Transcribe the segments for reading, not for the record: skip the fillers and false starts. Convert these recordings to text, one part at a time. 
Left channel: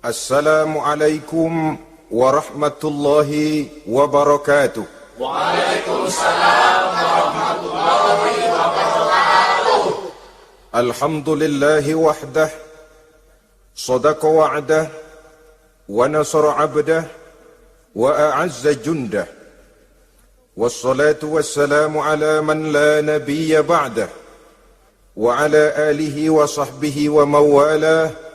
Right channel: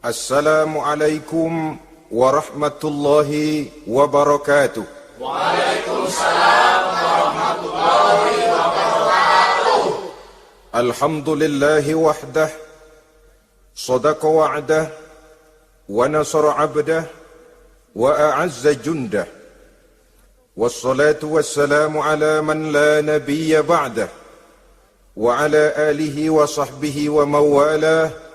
Assalamualaikum warahmatullahi wabarakatuh. Waalaikumsalam warahmatullahi wabarakatuh. Alhamdulillahi wahdah, sadaqa wa'dah, wa nasara abdah, wa a'azza jundah. Wassalatu wassalamu ala man la nabiyya ba'dah, wa ala alihi wa sahbihi wa mawalah.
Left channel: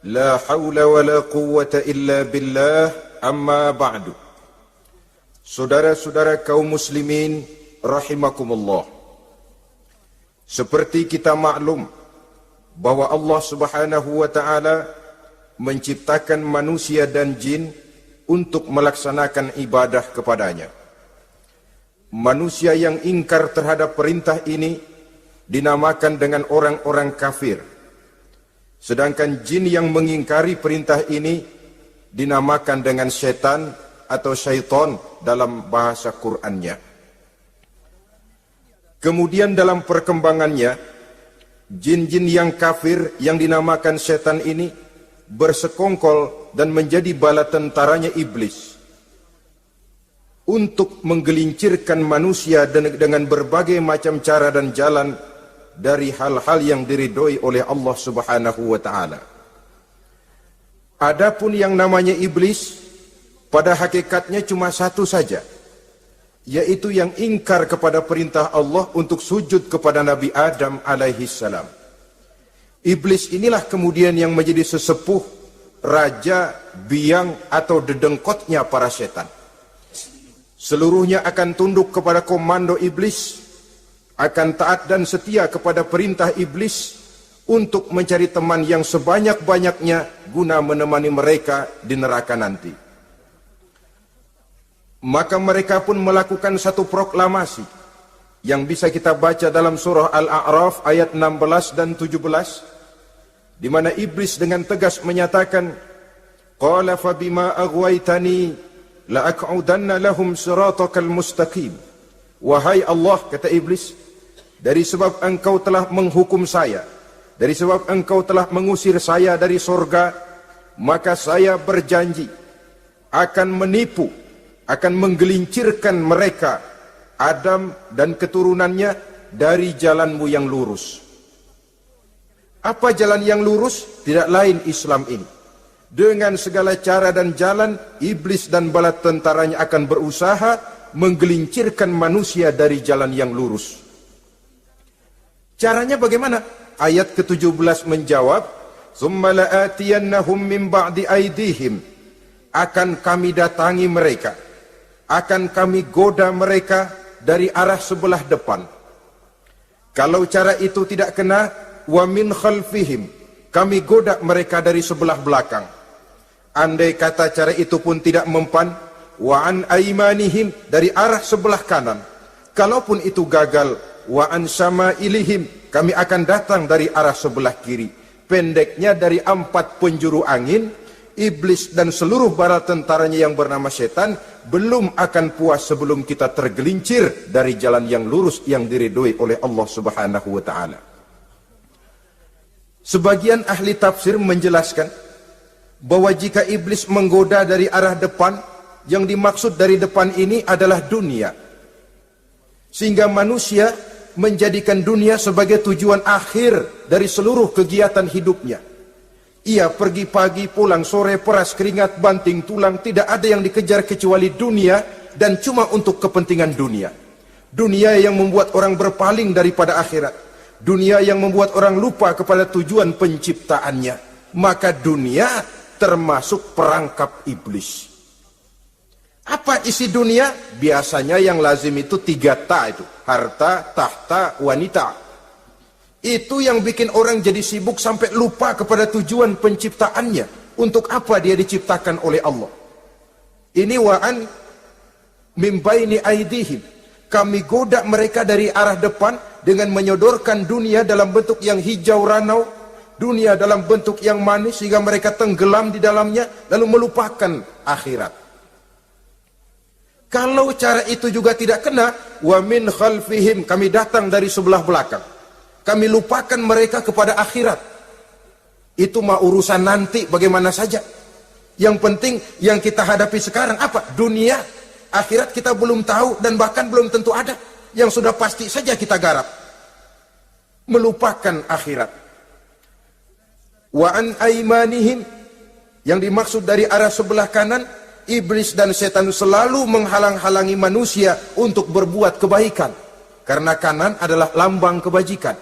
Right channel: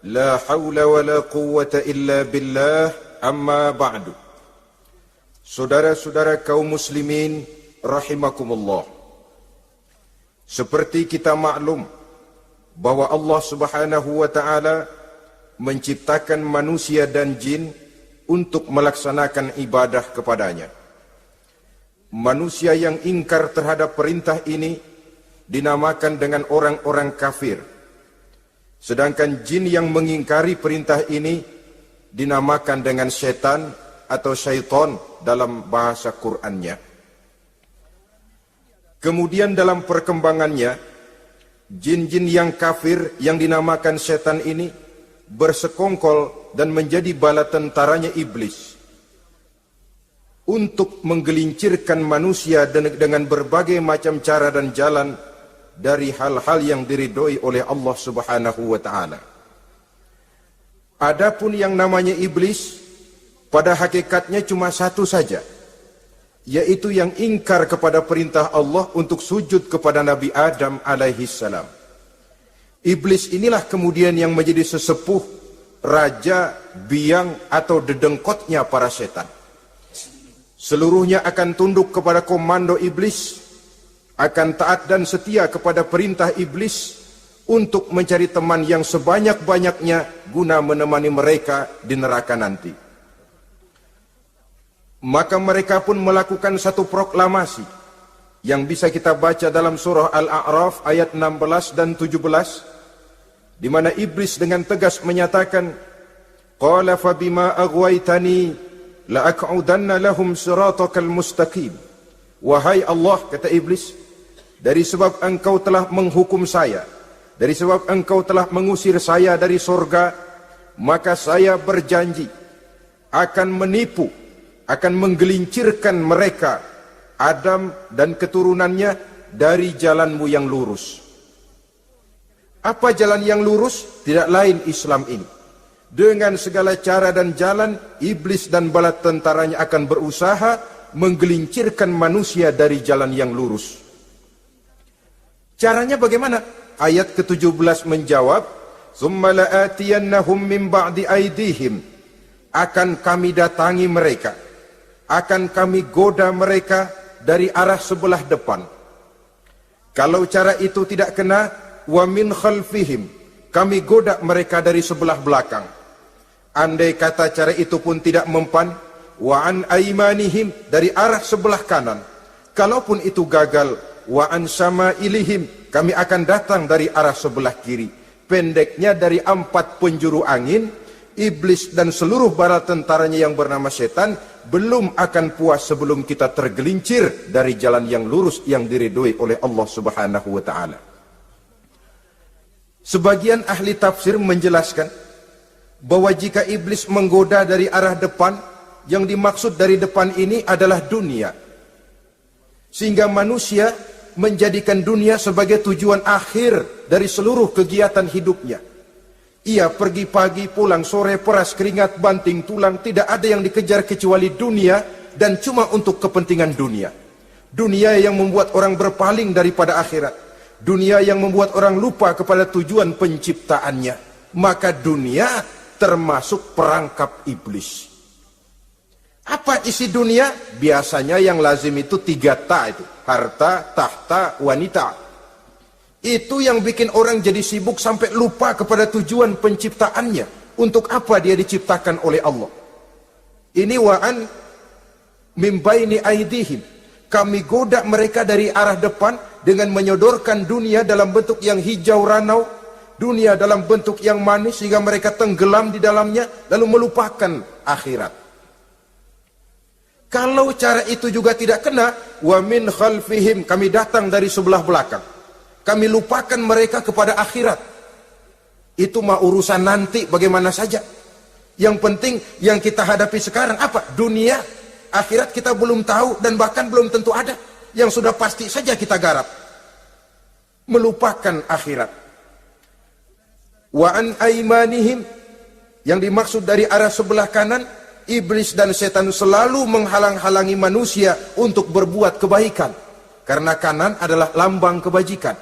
La hawla wa la quwwata illa billah, amma ba'du. Saudara-saudara kaum muslimin rahimakumullah. Seperti kita maklum bahwa Allah Subhanahu wa taala menciptakan manusia dan jin untuk melaksanakan ibadah kepadanya. Manusia yang ingkar terhadap perintah ini dinamakan dengan orang-orang kafir. Sedangkan jin yang mengingkari perintah ini dinamakan dengan setan atau syaitan dalam bahasa Qur'annya. Kemudian dalam perkembangannya, jin-jin yang kafir yang dinamakan setan ini bersekongkol dan menjadi bala tentaranya iblis untuk menggelincirkan manusia dengan berbagai macam cara dan jalan dari hal-hal yang diridhoi oleh Allah Subhanahu wa taala. Adapun yang namanya iblis pada hakikatnya cuma satu saja, yaitu yang ingkar kepada perintah Allah untuk sujud kepada Nabi Adam alaihi salam. Iblis inilah kemudian yang menjadi sesepuh, raja, biang atau dedengkotnya para setan. Seluruhnya akan tunduk kepada komando iblis, akan taat dan setia kepada perintah iblis untuk mencari teman yang sebanyak-banyaknya guna menemani mereka di neraka nanti. Maka mereka pun melakukan satu proklamasi yang bisa kita baca dalam surah Al-A'raf ayat 16 dan 17, di mana iblis dengan tegas menyatakan, "Qala fa bima aghwaytani la aq'udanna lahum siratakal mustaqim." Wahai Allah, kata iblis, dari sebab engkau telah menghukum saya, dari sebab engkau telah mengusir saya dari surga, maka saya berjanji akan menipu, akan menggelincirkan mereka, Adam dan keturunannya, dari jalanmu yang lurus. Apa jalan yang lurus? Tidak lain Islam ini. Dengan segala cara dan jalan, iblis dan bala tentaranya akan berusaha menggelincirkan manusia dari jalan yang lurus. Caranya bagaimana? Ayat ke-17 menjawab, "Tsumma la'atiyannahum min ba'di aydihim." Akan kami datangi mereka, akan kami goda mereka dari arah sebelah depan. Kalau cara itu tidak kena, wa min khalfihim, kami goda mereka dari sebelah belakang. Andai kata cara itu pun tidak mempan, wa an aymanihim, dari arah sebelah kanan. Kalaupun itu gagal, wa an samailihim, kami akan datang dari arah sebelah kiri. Pendeknya dari 4 penjuru angin, iblis dan seluruh bala tentaranya yang bernama setan belum akan puas sebelum kita tergelincir dari jalan yang lurus yang diridhoi oleh Allah Subhanahu wa taala. Sebagian ahli tafsir menjelaskan bahwa jika iblis menggoda dari arah depan, yang dimaksud dari depan ini adalah dunia. Sehingga manusia menjadikan dunia sebagai tujuan akhir dari seluruh kegiatan hidupnya. Ia pergi pagi, pulang sore, peras keringat, banting tulang, tidak ada yang dikejar kecuali dunia, dan cuma untuk kepentingan dunia. Dunia yang membuat orang berpaling daripada akhirat. Dunia yang membuat orang lupa kepada tujuan penciptaannya. Maka dunia termasuk perangkap iblis. Apa isi dunia? Biasanya yang lazim itu 3 ta itu. Harta, tahta, wanita. Itu yang bikin orang jadi sibuk sampai lupa kepada tujuan penciptaannya. Untuk apa dia diciptakan oleh Allah. Ini wa'an min baini aidihim. Kami goda mereka dari arah depan dengan menyodorkan dunia dalam bentuk yang hijau ranau. Dunia dalam bentuk yang manis sehingga mereka tenggelam di dalamnya lalu melupakan akhirat. Kalau cara itu juga tidak kena, wa min khalfihim, kami datang dari sebelah belakang. Kami lupakan mereka kepada akhirat. Itu mah urusan nanti bagaimana saja. Yang penting yang kita hadapi sekarang apa? Dunia. Akhirat kita belum tahu dan bahkan belum tentu ada. Yang sudah pasti saja kita garap. Melupakan akhirat. Wa an aimanihim. Yang dimaksud dari arah sebelah kanan, iblis dan setan selalu menghalang-halangi manusia untuk berbuat kebaikan. Karena kanan adalah lambang kebajikan.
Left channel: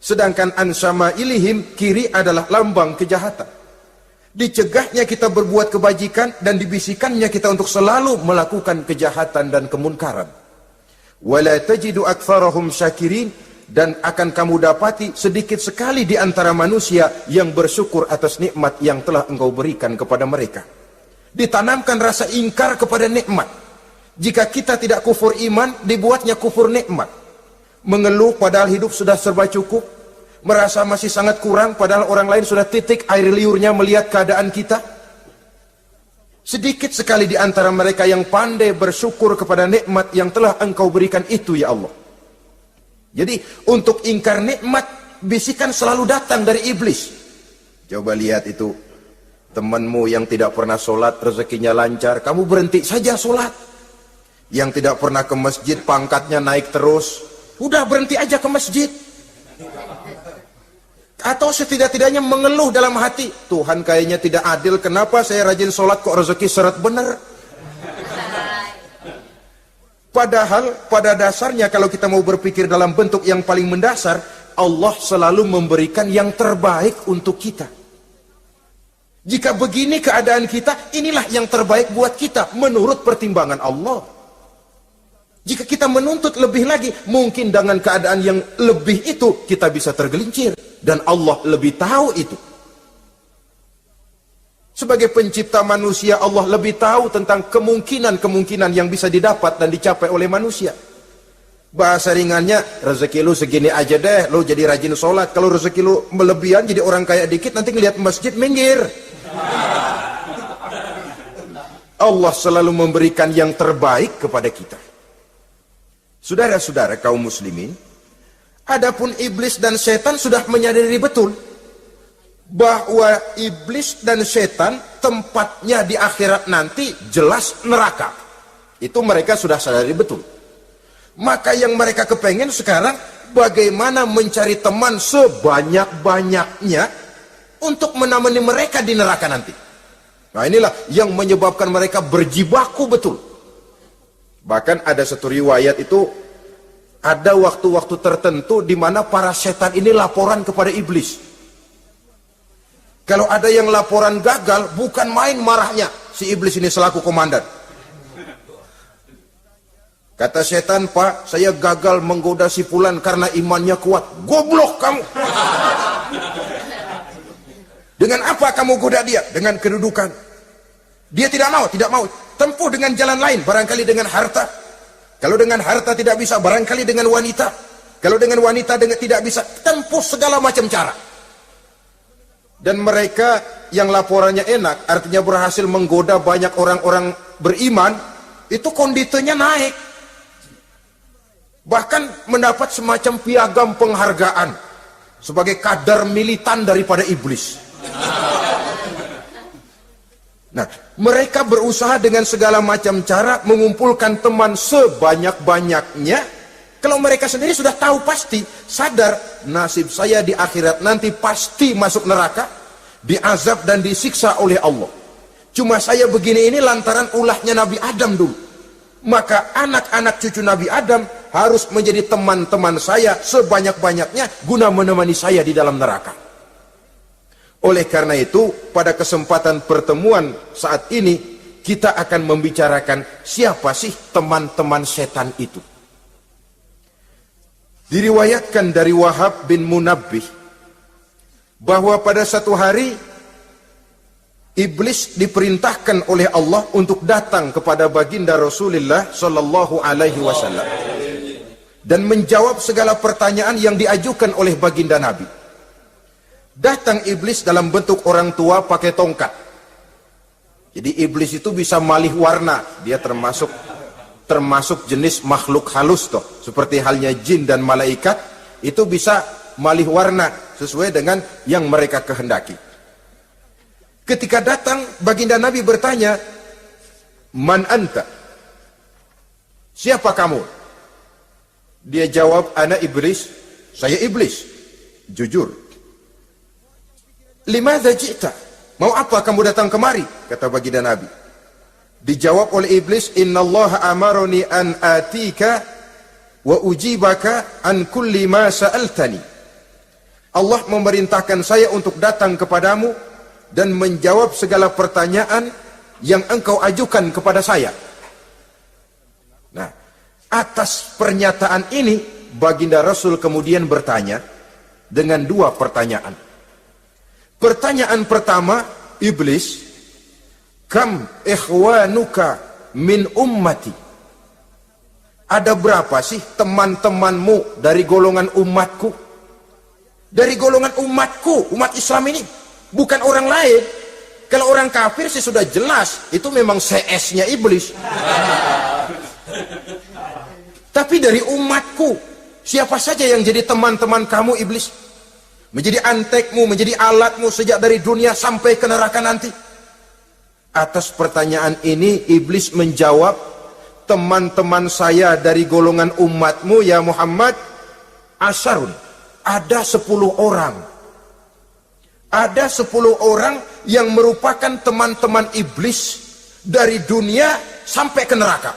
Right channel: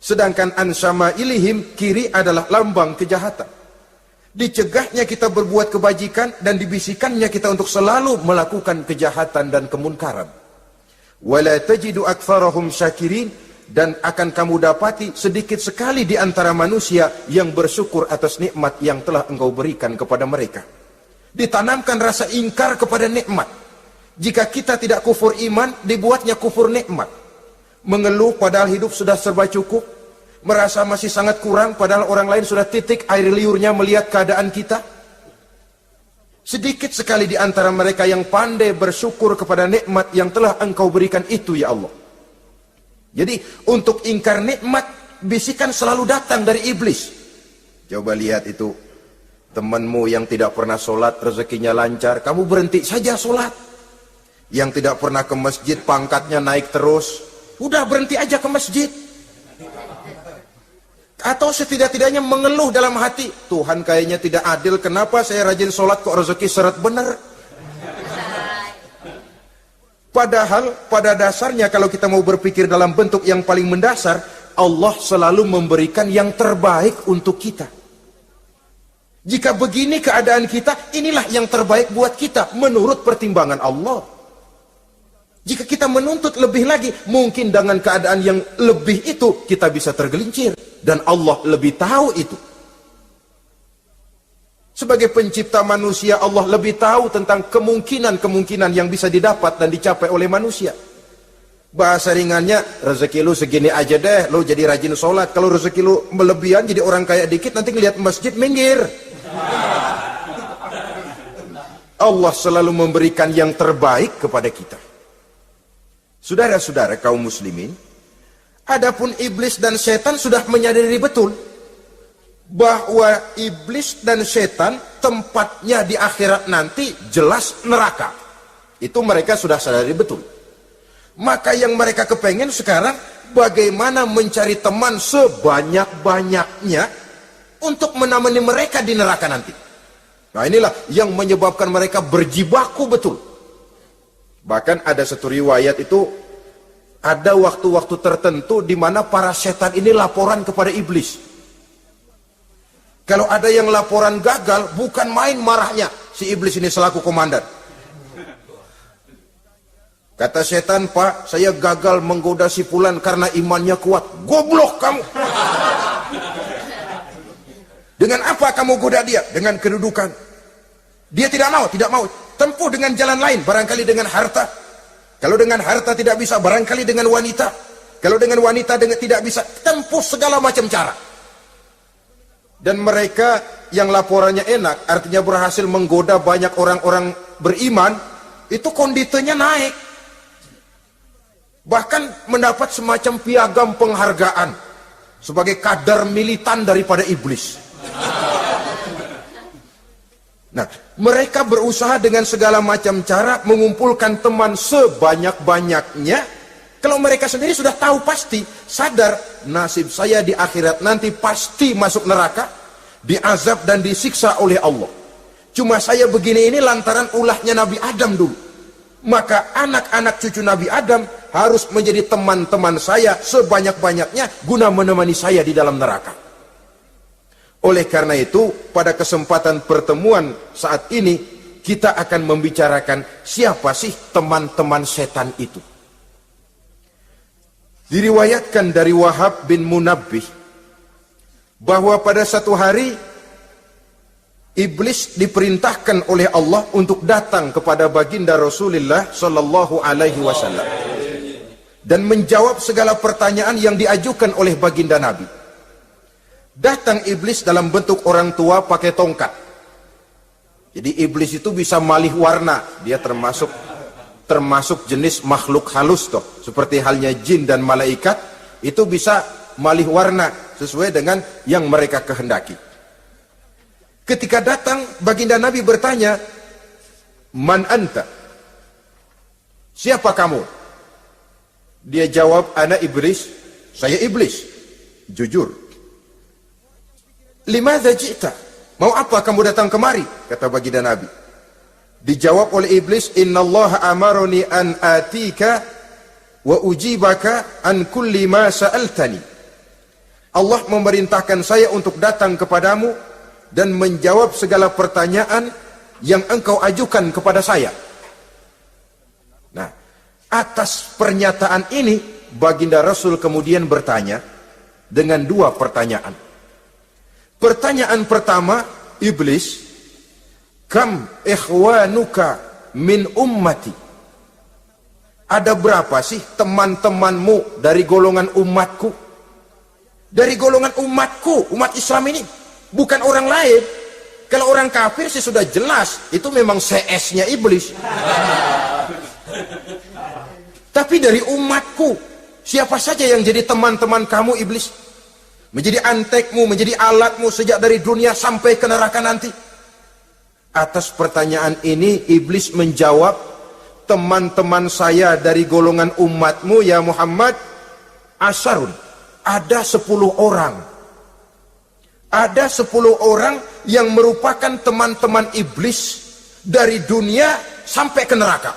Sedangkan an syama'ilihim, kiri adalah lambang kejahatan. Dicegahnya kita berbuat kebajikan dan dibisikannya kita untuk selalu melakukan kejahatan dan kemunkaran. Wala tajidu aktsarahum syakirin, dan akan kamu dapati sedikit sekali di antara manusia yang bersyukur atas nikmat yang telah engkau berikan kepada mereka. Ditanamkan rasa ingkar kepada nikmat. Jika kita tidak kufur iman, dibuatnya kufur nikmat. Mengeluh padahal hidup sudah serba cukup. Merasa masih sangat kurang padahal orang lain sudah titik air liurnya melihat keadaan kita. Sedikit sekali di antara mereka yang pandai bersyukur kepada nikmat yang telah engkau berikan itu, ya Allah. Jadi untuk ingkar nikmat, bisikan selalu datang dari iblis. Coba lihat itu, temanmu yang tidak pernah sholat, rezekinya lancar, kamu berhenti saja sholat. Yang tidak pernah ke masjid, pangkatnya naik terus, udah berhenti aja ke masjid. Atau setidak-tidaknya mengeluh dalam hati, Tuhan kayaknya tidak adil, kenapa saya rajin sholat kok rezeki seret bener. Padahal pada dasarnya kalau kita mau berpikir dalam bentuk yang paling mendasar, Allah selalu memberikan yang terbaik untuk kita. Jika begini keadaan kita, inilah yang terbaik buat kita menurut pertimbangan Allah. Jika kita menuntut lebih lagi, mungkin dengan keadaan yang lebih itu kita bisa tergelincir. Dan Allah lebih tahu itu. Sebagai pencipta manusia, Allah lebih tahu tentang kemungkinan-kemungkinan yang bisa didapat dan dicapai oleh manusia. Bahasa ringannya, rezeki lu segini aja deh, lu jadi rajin sholat. Kalau rezeki lu melebihan jadi orang kaya dikit, nanti ngeliat masjid minggir. Allah selalu memberikan yang terbaik kepada kita. Saudara-saudara kaum muslimin, adapun iblis dan setan sudah menyadari betul bahwa iblis dan setan tempatnya di akhirat nanti jelas neraka. Itu mereka sudah sadari betul. Maka yang mereka kepengen sekarang bagaimana mencari teman sebanyak-banyaknya untuk menemani mereka di neraka nanti. Nah inilah yang menyebabkan mereka berjibaku betul. Bahkan ada satu riwayat itu, ada waktu-waktu tertentu di mana para setan ini laporan kepada iblis. Kalau ada yang laporan gagal, bukan main marahnya si iblis ini selaku komandan. Kata setan, Pak, saya gagal menggoda si fulan karena imannya kuat. Goblok kamu. Dengan apa kamu goda dia? Dengan kedudukan. Dia tidak mau. Tempuh dengan jalan lain, barangkali dengan harta. Kalau dengan harta tidak bisa, barangkali dengan wanita. Kalau dengan wanita tidak bisa, tempuh segala macam cara. Dan mereka yang laporannya enak, artinya berhasil menggoda banyak orang-orang beriman, itu kondisinya naik. Bahkan mendapat semacam piagam penghargaan sebagai kadar militan daripada iblis. Nah, mereka berusaha dengan segala macam cara mengumpulkan teman sebanyak-banyaknya. Kalau mereka sendiri sudah tahu pasti, sadar nasib saya di akhirat nanti pasti masuk neraka, diazab dan disiksa oleh Allah. Cuma saya begini ini lantaran ulahnya Nabi Adam dulu. Maka anak-anak cucu Nabi Adam harus menjadi teman-teman saya sebanyak-banyaknya guna menemani saya di dalam neraka. Oleh karena itu, pada kesempatan pertemuan saat ini, kita akan membicarakan siapa sih teman-teman setan itu. Diriwayatkan dari Wahab bin Munabbih bahwa pada satu hari iblis diperintahkan oleh Allah untuk datang kepada baginda Rasulullah sallallahu alaihi wasallam dan menjawab segala pertanyaan yang diajukan oleh baginda Nabi. Datang iblis dalam bentuk orang tua pakai tongkat. Jadi iblis itu bisa malih warna. Dia termasuk jenis makhluk halus tuh. Seperti halnya jin dan malaikat, itu bisa malih warna sesuai dengan yang mereka kehendaki. Ketika datang, baginda Nabi bertanya, "Man anta?" Siapa kamu? Dia jawab, "Ana iblis." Saya iblis. Jujur. "Limadza ji'ta?" Mau apa kamu datang kemari? Kata baginda Nabi. Dijawab oleh iblis, "Innallaha amaroni an atika wa ujibaka an kulli ma sa'altani." Allah memerintahkan saya untuk datang kepadamu dan menjawab segala pertanyaan yang engkau ajukan kepada saya. Nah, atas pernyataan ini, baginda Rasul kemudian bertanya dengan dua pertanyaan. Pertanyaan pertama, iblis, "Kam ikhwanuka min ummati?" Ada berapa sih teman-temanmu dari golongan umatku? Dari golongan umatku, umat Islam ini, bukan orang lain. Kalau orang kafir sih sudah jelas, itu memang CS-nya iblis. Tapi dari umatku, siapa saja yang jadi teman-teman kamu iblis? Menjadi antekmu, menjadi alatmu sejak dari dunia sampai ke neraka nanti. Atas pertanyaan ini, iblis menjawab, "Teman-teman saya dari golongan umatmu ya Muhammad, asyarun. Ada 10 orang. Ada 10 orang yang merupakan teman-teman iblis dari dunia sampai ke neraka."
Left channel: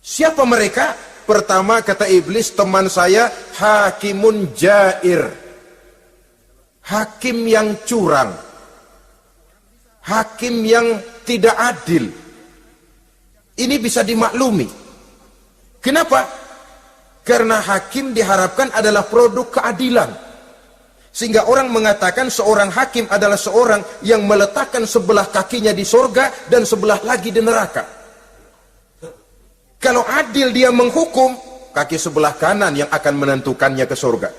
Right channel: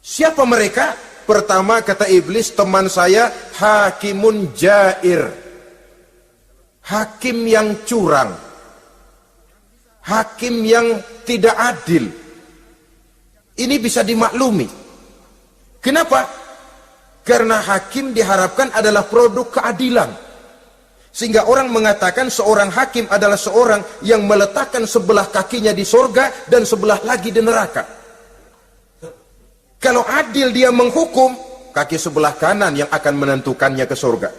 Siapa mereka? Pertama kata iblis, "Teman saya hakimun jair." Hakim yang curang. Hakim yang tidak adil. Ini bisa dimaklumi. Kenapa? Karena hakim diharapkan adalah produk keadilan. Sehingga orang mengatakan seorang hakim adalah seorang yang meletakkan sebelah kakinya di surga dan sebelah lagi di neraka. Kalau adil dia menghukum, kaki sebelah kanan yang akan menentukannya ke surga.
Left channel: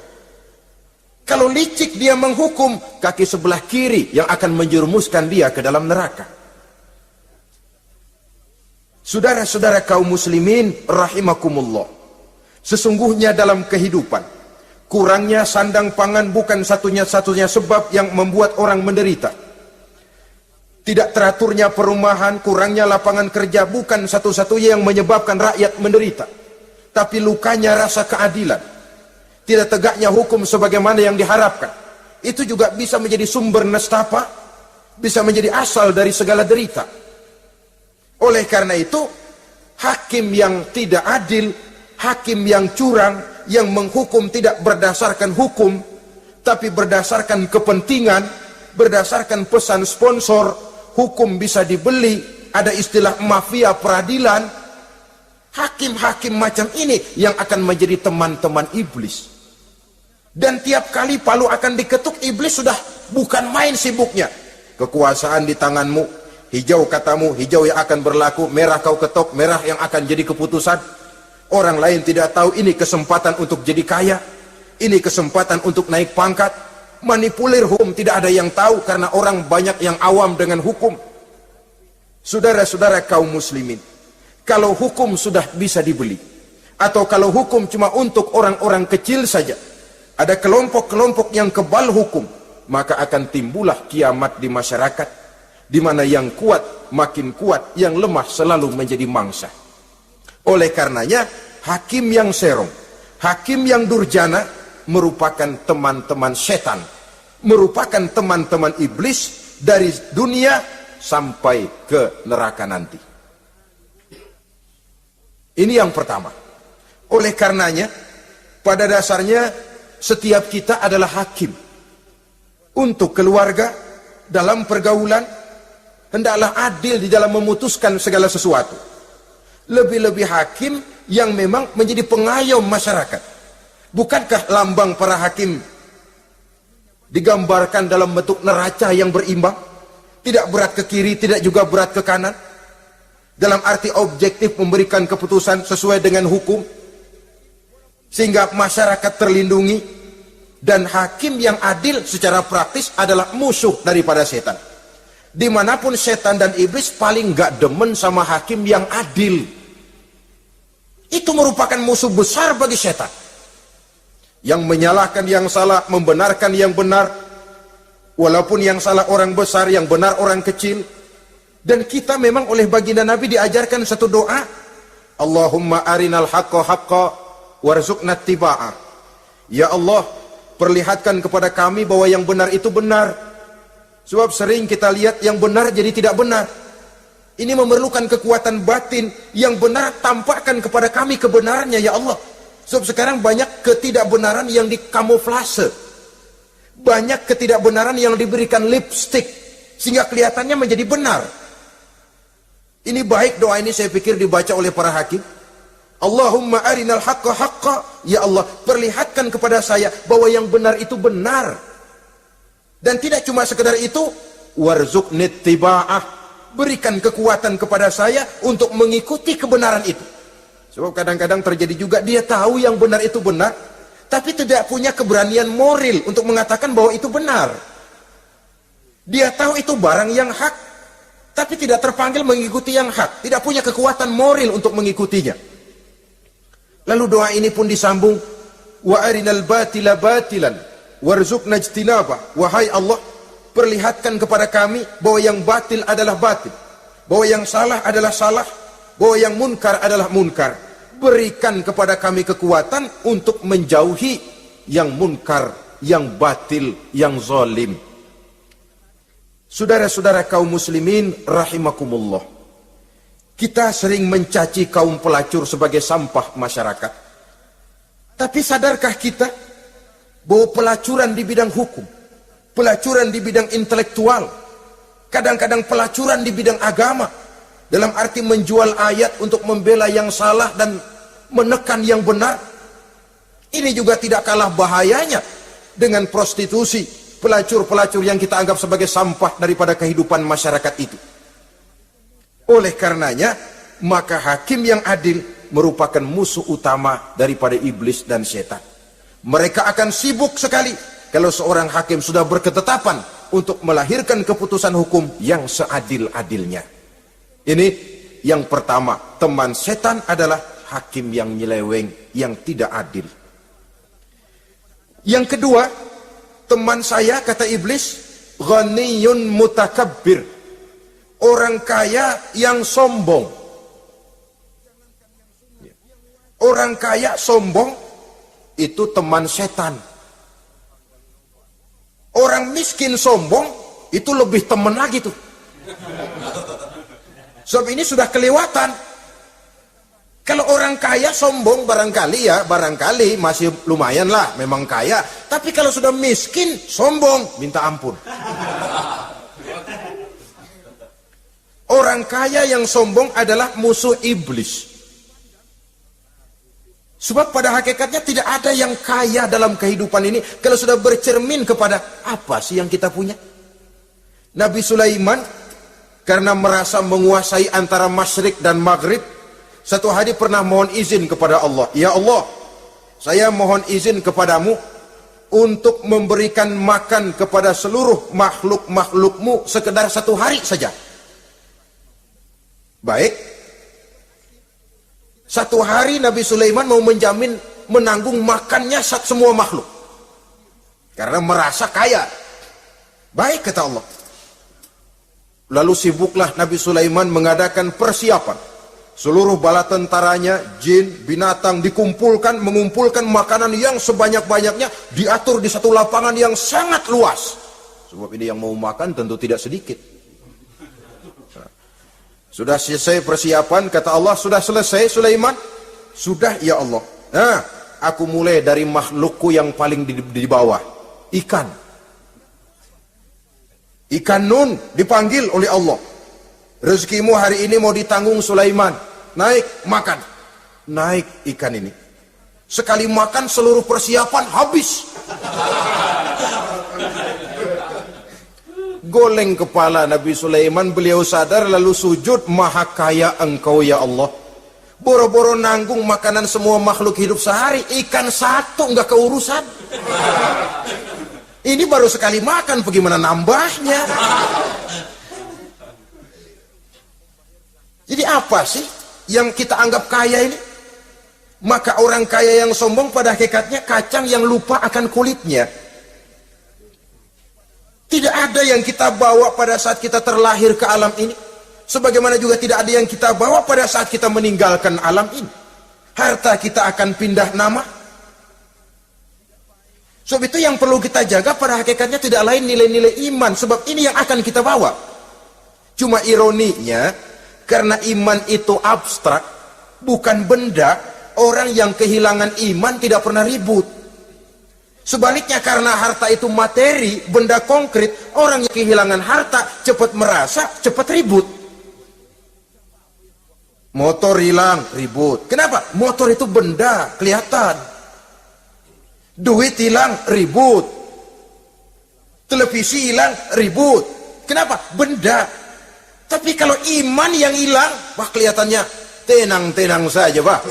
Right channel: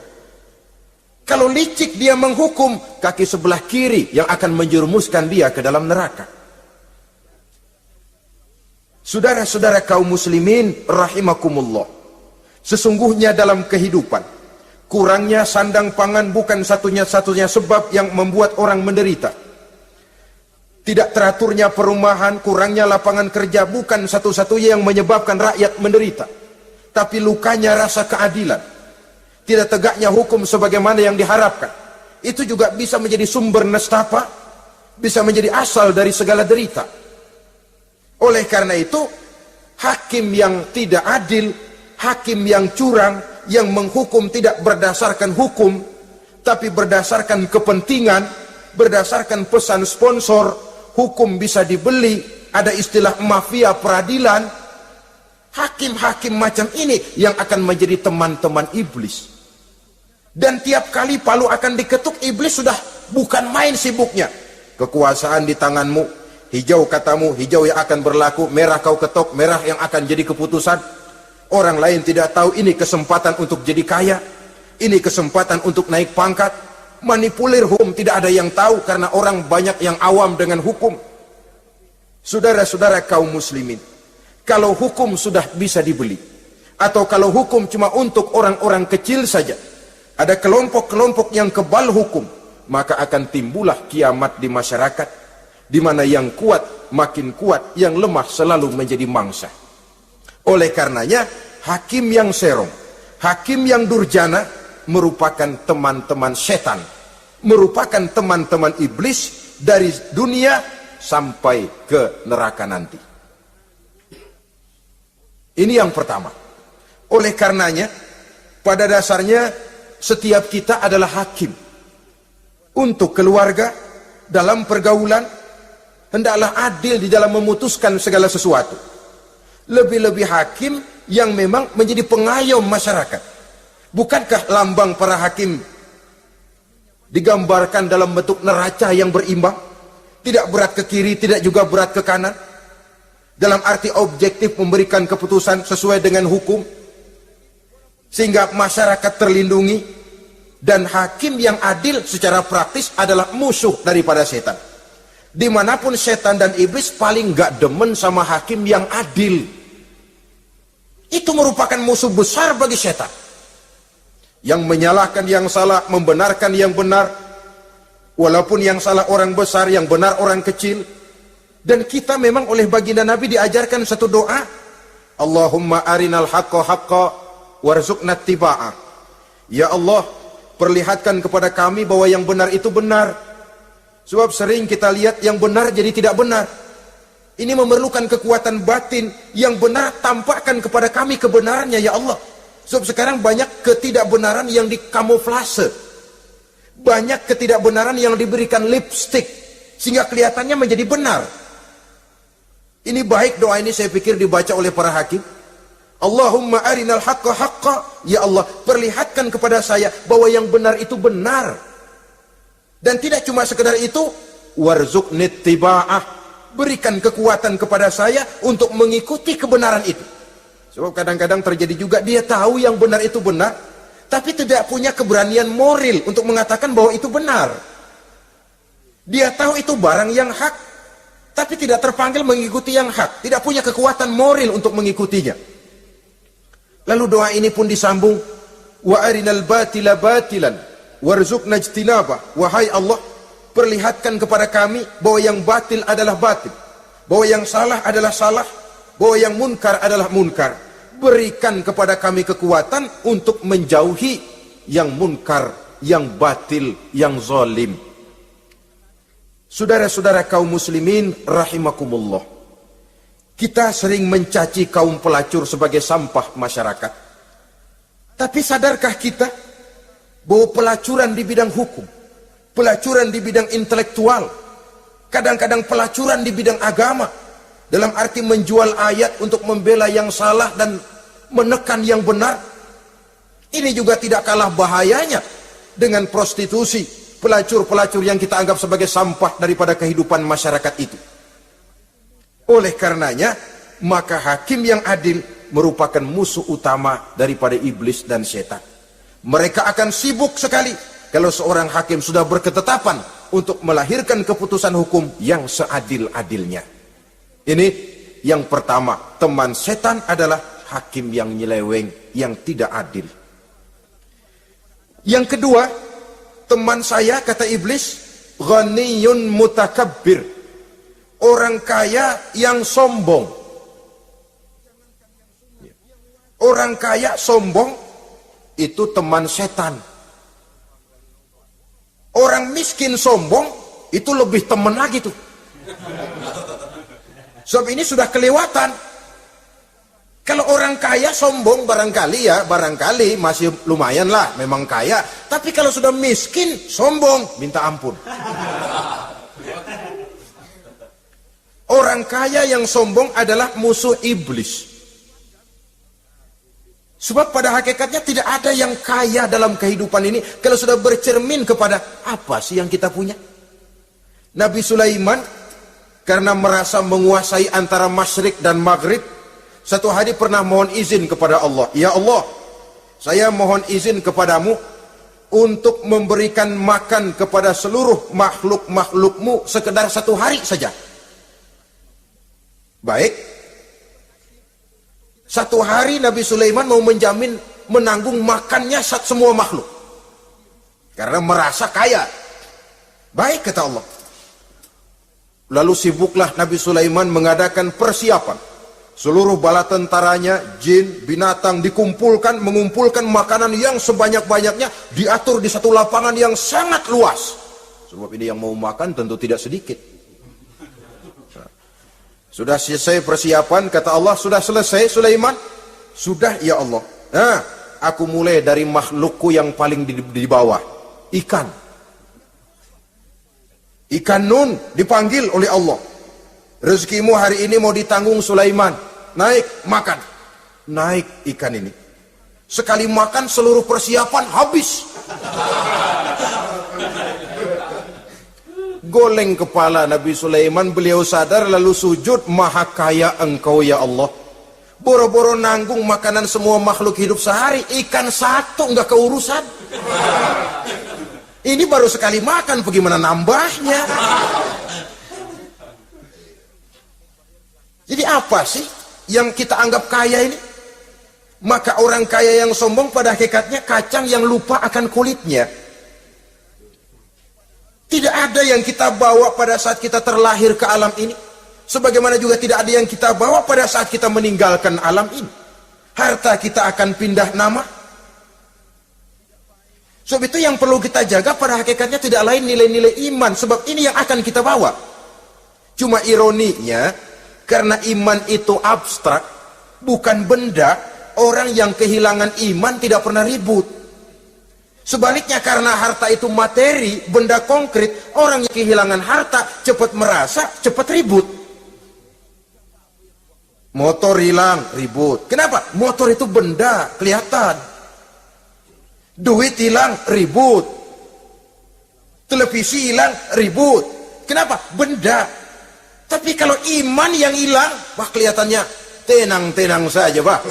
Kalau licik dia menghukum, kaki sebelah kiri yang akan menjerumuskan dia ke dalam neraka. Saudara-saudara kaum muslimin rahimakumullah. Sesungguhnya dalam kehidupan, kurangnya sandang pangan bukan satunya-satunya sebab yang membuat orang menderita. Tidak teraturnya perumahan, kurangnya lapangan kerja bukan satu-satunya yang menyebabkan rakyat menderita. Tapi lukanya rasa keadilan. Tidak tegaknya hukum sebagaimana yang diharapkan. Itu juga bisa menjadi sumber nestapa, bisa menjadi asal dari segala derita. Oleh karena itu, hakim yang tidak adil, hakim yang curang, yang menghukum tidak berdasarkan hukum, tapi berdasarkan kepentingan, berdasarkan pesan sponsor, hukum bisa dibeli, ada istilah mafia peradilan. Hakim-hakim macam ini yang akan menjadi teman-teman iblis. Dan tiap kali palu akan diketuk, iblis sudah bukan main sibuknya. Kekuasaan di tanganmu, hijau katamu, hijau yang akan berlaku, merah kau ketok, merah yang akan jadi keputusan. Orang lain tidak tahu ini kesempatan untuk jadi kaya, ini kesempatan untuk naik pangkat. Manipulir hukum tidak ada yang tahu karena orang banyak yang awam dengan hukum. Saudara-saudara kaum muslimin, kalau hukum sudah bisa dibeli, atau kalau hukum cuma untuk orang-orang kecil saja, ada kelompok-kelompok yang kebal hukum, maka akan timbullah kiamat di masyarakat, di mana yang kuat makin kuat, yang lemah selalu menjadi mangsa. Oleh karenanya, hakim yang sero, hakim yang durjana merupakan teman-teman setan, merupakan teman-teman iblis dari dunia sampai ke neraka nanti. Ini yang pertama. Oleh karenanya, pada dasarnya setiap kita adalah hakim. Untuk keluarga, dalam pergaulan, hendaklah adil di dalam memutuskan segala sesuatu. Lebih-lebih hakim yang memang menjadi pengayom masyarakat. Bukankah lambang para hakim digambarkan dalam bentuk neraca yang berimbang? Tidak berat ke kiri, tidak juga berat ke kanan. Dalam arti objektif memberikan keputusan sesuai dengan hukum. Sehingga masyarakat terlindungi. Dan hakim yang adil secara praktis adalah musuh daripada setan. Dimanapun setan dan iblis paling gak demen sama hakim yang adil. Itu merupakan musuh besar bagi setan. Yang menyalahkan yang salah, membenarkan yang benar. Walaupun yang salah orang besar, yang benar orang kecil. Dan kita memang oleh baginda Nabi diajarkan satu doa. Allahumma arinal haqqa haqqa warzuqna ittiba'ah. Ya Allah, perlihatkan kepada kami bahwa yang benar itu benar. Sebab sering kita lihat yang benar jadi tidak benar. Ini memerlukan kekuatan batin. Yang benar tampakkan kepada kami kebenarannya ya Allah. Sebab sekarang banyak ketidakbenaran yang dikamuflase. Banyak ketidakbenaran yang diberikan lipstick. Sehingga kelihatannya menjadi benar. Ini baik doa ini saya pikir dibaca oleh para hakim. Allahumma arinal haqqa haqqa. Ya Allah, perlihatkan kepada saya bahwa yang benar itu benar. Dan tidak cuma sekedar itu. Warzuqni ittiba'ah. Berikan kekuatan kepada saya untuk mengikuti kebenaran itu. Sebab kadang-kadang terjadi juga dia tahu yang benar itu benar. Tapi tidak punya keberanian moral untuk mengatakan bahwa itu benar. Dia tahu itu barang yang hak. Tapi tidak terpanggil mengikuti yang hak. Tidak punya kekuatan moral untuk mengikutinya. Lalu doa ini pun disambung. Wa arinal batila batilan. Warzuqna ijtinaba. Wahai Allah, perlihatkan kepada kami bahwa yang batil adalah batil. Bahwa yang salah adalah salah. Bahwa yang munkar adalah munkar. Berikan kepada kami kekuatan untuk menjauhi yang munkar, yang batil, yang zalim. Saudara-saudara kaum muslimin rahimakumullah. Kita sering mencaci kaum pelacur sebagai sampah masyarakat. Tapi sadarkah kita bahwa pelacuran di bidang hukum, pelacuran di bidang intelektual, kadang-kadang pelacuran di bidang agama, dalam arti menjual ayat untuk membela yang salah dan menekan yang benar. Ini juga tidak kalah bahayanya dengan prostitusi, pelacur-pelacur yang kita anggap sebagai sampah daripada kehidupan masyarakat itu. Oleh karenanya, maka hakim yang adil merupakan musuh utama daripada iblis dan setan. Mereka akan sibuk sekali kalau seorang hakim sudah berketetapan untuk melahirkan keputusan hukum yang seadil-adilnya. Ini yang pertama, teman setan adalah hakim yang nyeleweng, yang tidak adil. Yang kedua, teman saya kata iblis, ghaniyun mutakabbir. Orang kaya yang sombong. Orang kaya sombong itu teman setan. Orang miskin sombong itu lebih teman lagi tuh. Sebab ini sudah kelewatan. Kalau orang kaya sombong barangkali masih lumayan lah, memang kaya. Tapi kalau sudah miskin, sombong, minta ampun. Orang kaya yang sombong adalah musuh iblis. Sebab pada hakikatnya tidak ada yang kaya dalam kehidupan ini kalau sudah bercermin kepada apa sih yang kita punya. Nabi Sulaiman karena merasa menguasai antara masyrik dan maghrib, satu hari pernah mohon izin kepada Allah. Ya Allah, saya mohon izin kepadamu untuk memberikan makan kepada seluruh makhluk-makhlukmu sekedar satu hari saja. Baik. Satu hari Nabi Sulaiman mau menjamin menanggung makannya semua makhluk. Karena merasa kaya. Baik kata Allah. Lalu sibuklah Nabi Sulaiman mengadakan persiapan. Seluruh bala tentaranya, jin, binatang dikumpulkan, mengumpulkan makanan yang sebanyak-banyaknya, diatur di satu lapangan yang sangat luas. Sebab ini yang mau makan tentu tidak sedikit. Sudah selesai persiapan, kata Allah, sudah selesai Sulaiman? Sudah ya Allah. Nah, aku mulai dari makhlukku yang paling di bawah. Ikan. Ikan Nun dipanggil oleh Allah. Rezekimu hari ini mau ditanggung Sulaiman. Naik, makan. Naik ikan ini. Sekali makan seluruh persiapan habis. Goleng kepala Nabi Sulaiman, beliau sadar lalu sujud, maha kaya engkau ya Allah. Boro-boro nanggung makanan semua makhluk hidup sehari, ikan satu nggak keurusan. Ini baru sekali makan, bagaimana nambahnya? Jadi apa sih yang kita anggap kaya ini? Maka orang kaya yang sombong pada hakikatnya kacang yang lupa akan kulitnya. Tidak ada yang kita bawa pada saat kita terlahir ke alam ini. Sebagaimana juga tidak ada yang kita bawa pada saat kita meninggalkan alam ini. Harta kita akan pindah nama. Sebab itu yang perlu kita jaga pada hakikatnya tidak lain nilai-nilai iman. Sebab ini yang akan kita bawa. Cuma ironinya, karena iman itu abstrak, bukan benda, orang yang kehilangan iman tidak pernah ribut. Sebaliknya karena harta itu materi, benda konkret, orang yang kehilangan harta cepat merasa, cepat ribut. Motor hilang, ribut. Kenapa? Motor itu benda, kelihatan. Duit hilang, ribut. Televisi hilang, ribut. Kenapa? Benda. Tapi kalau iman yang hilang, wah kelihatannya tenang-tenang saja, Pak.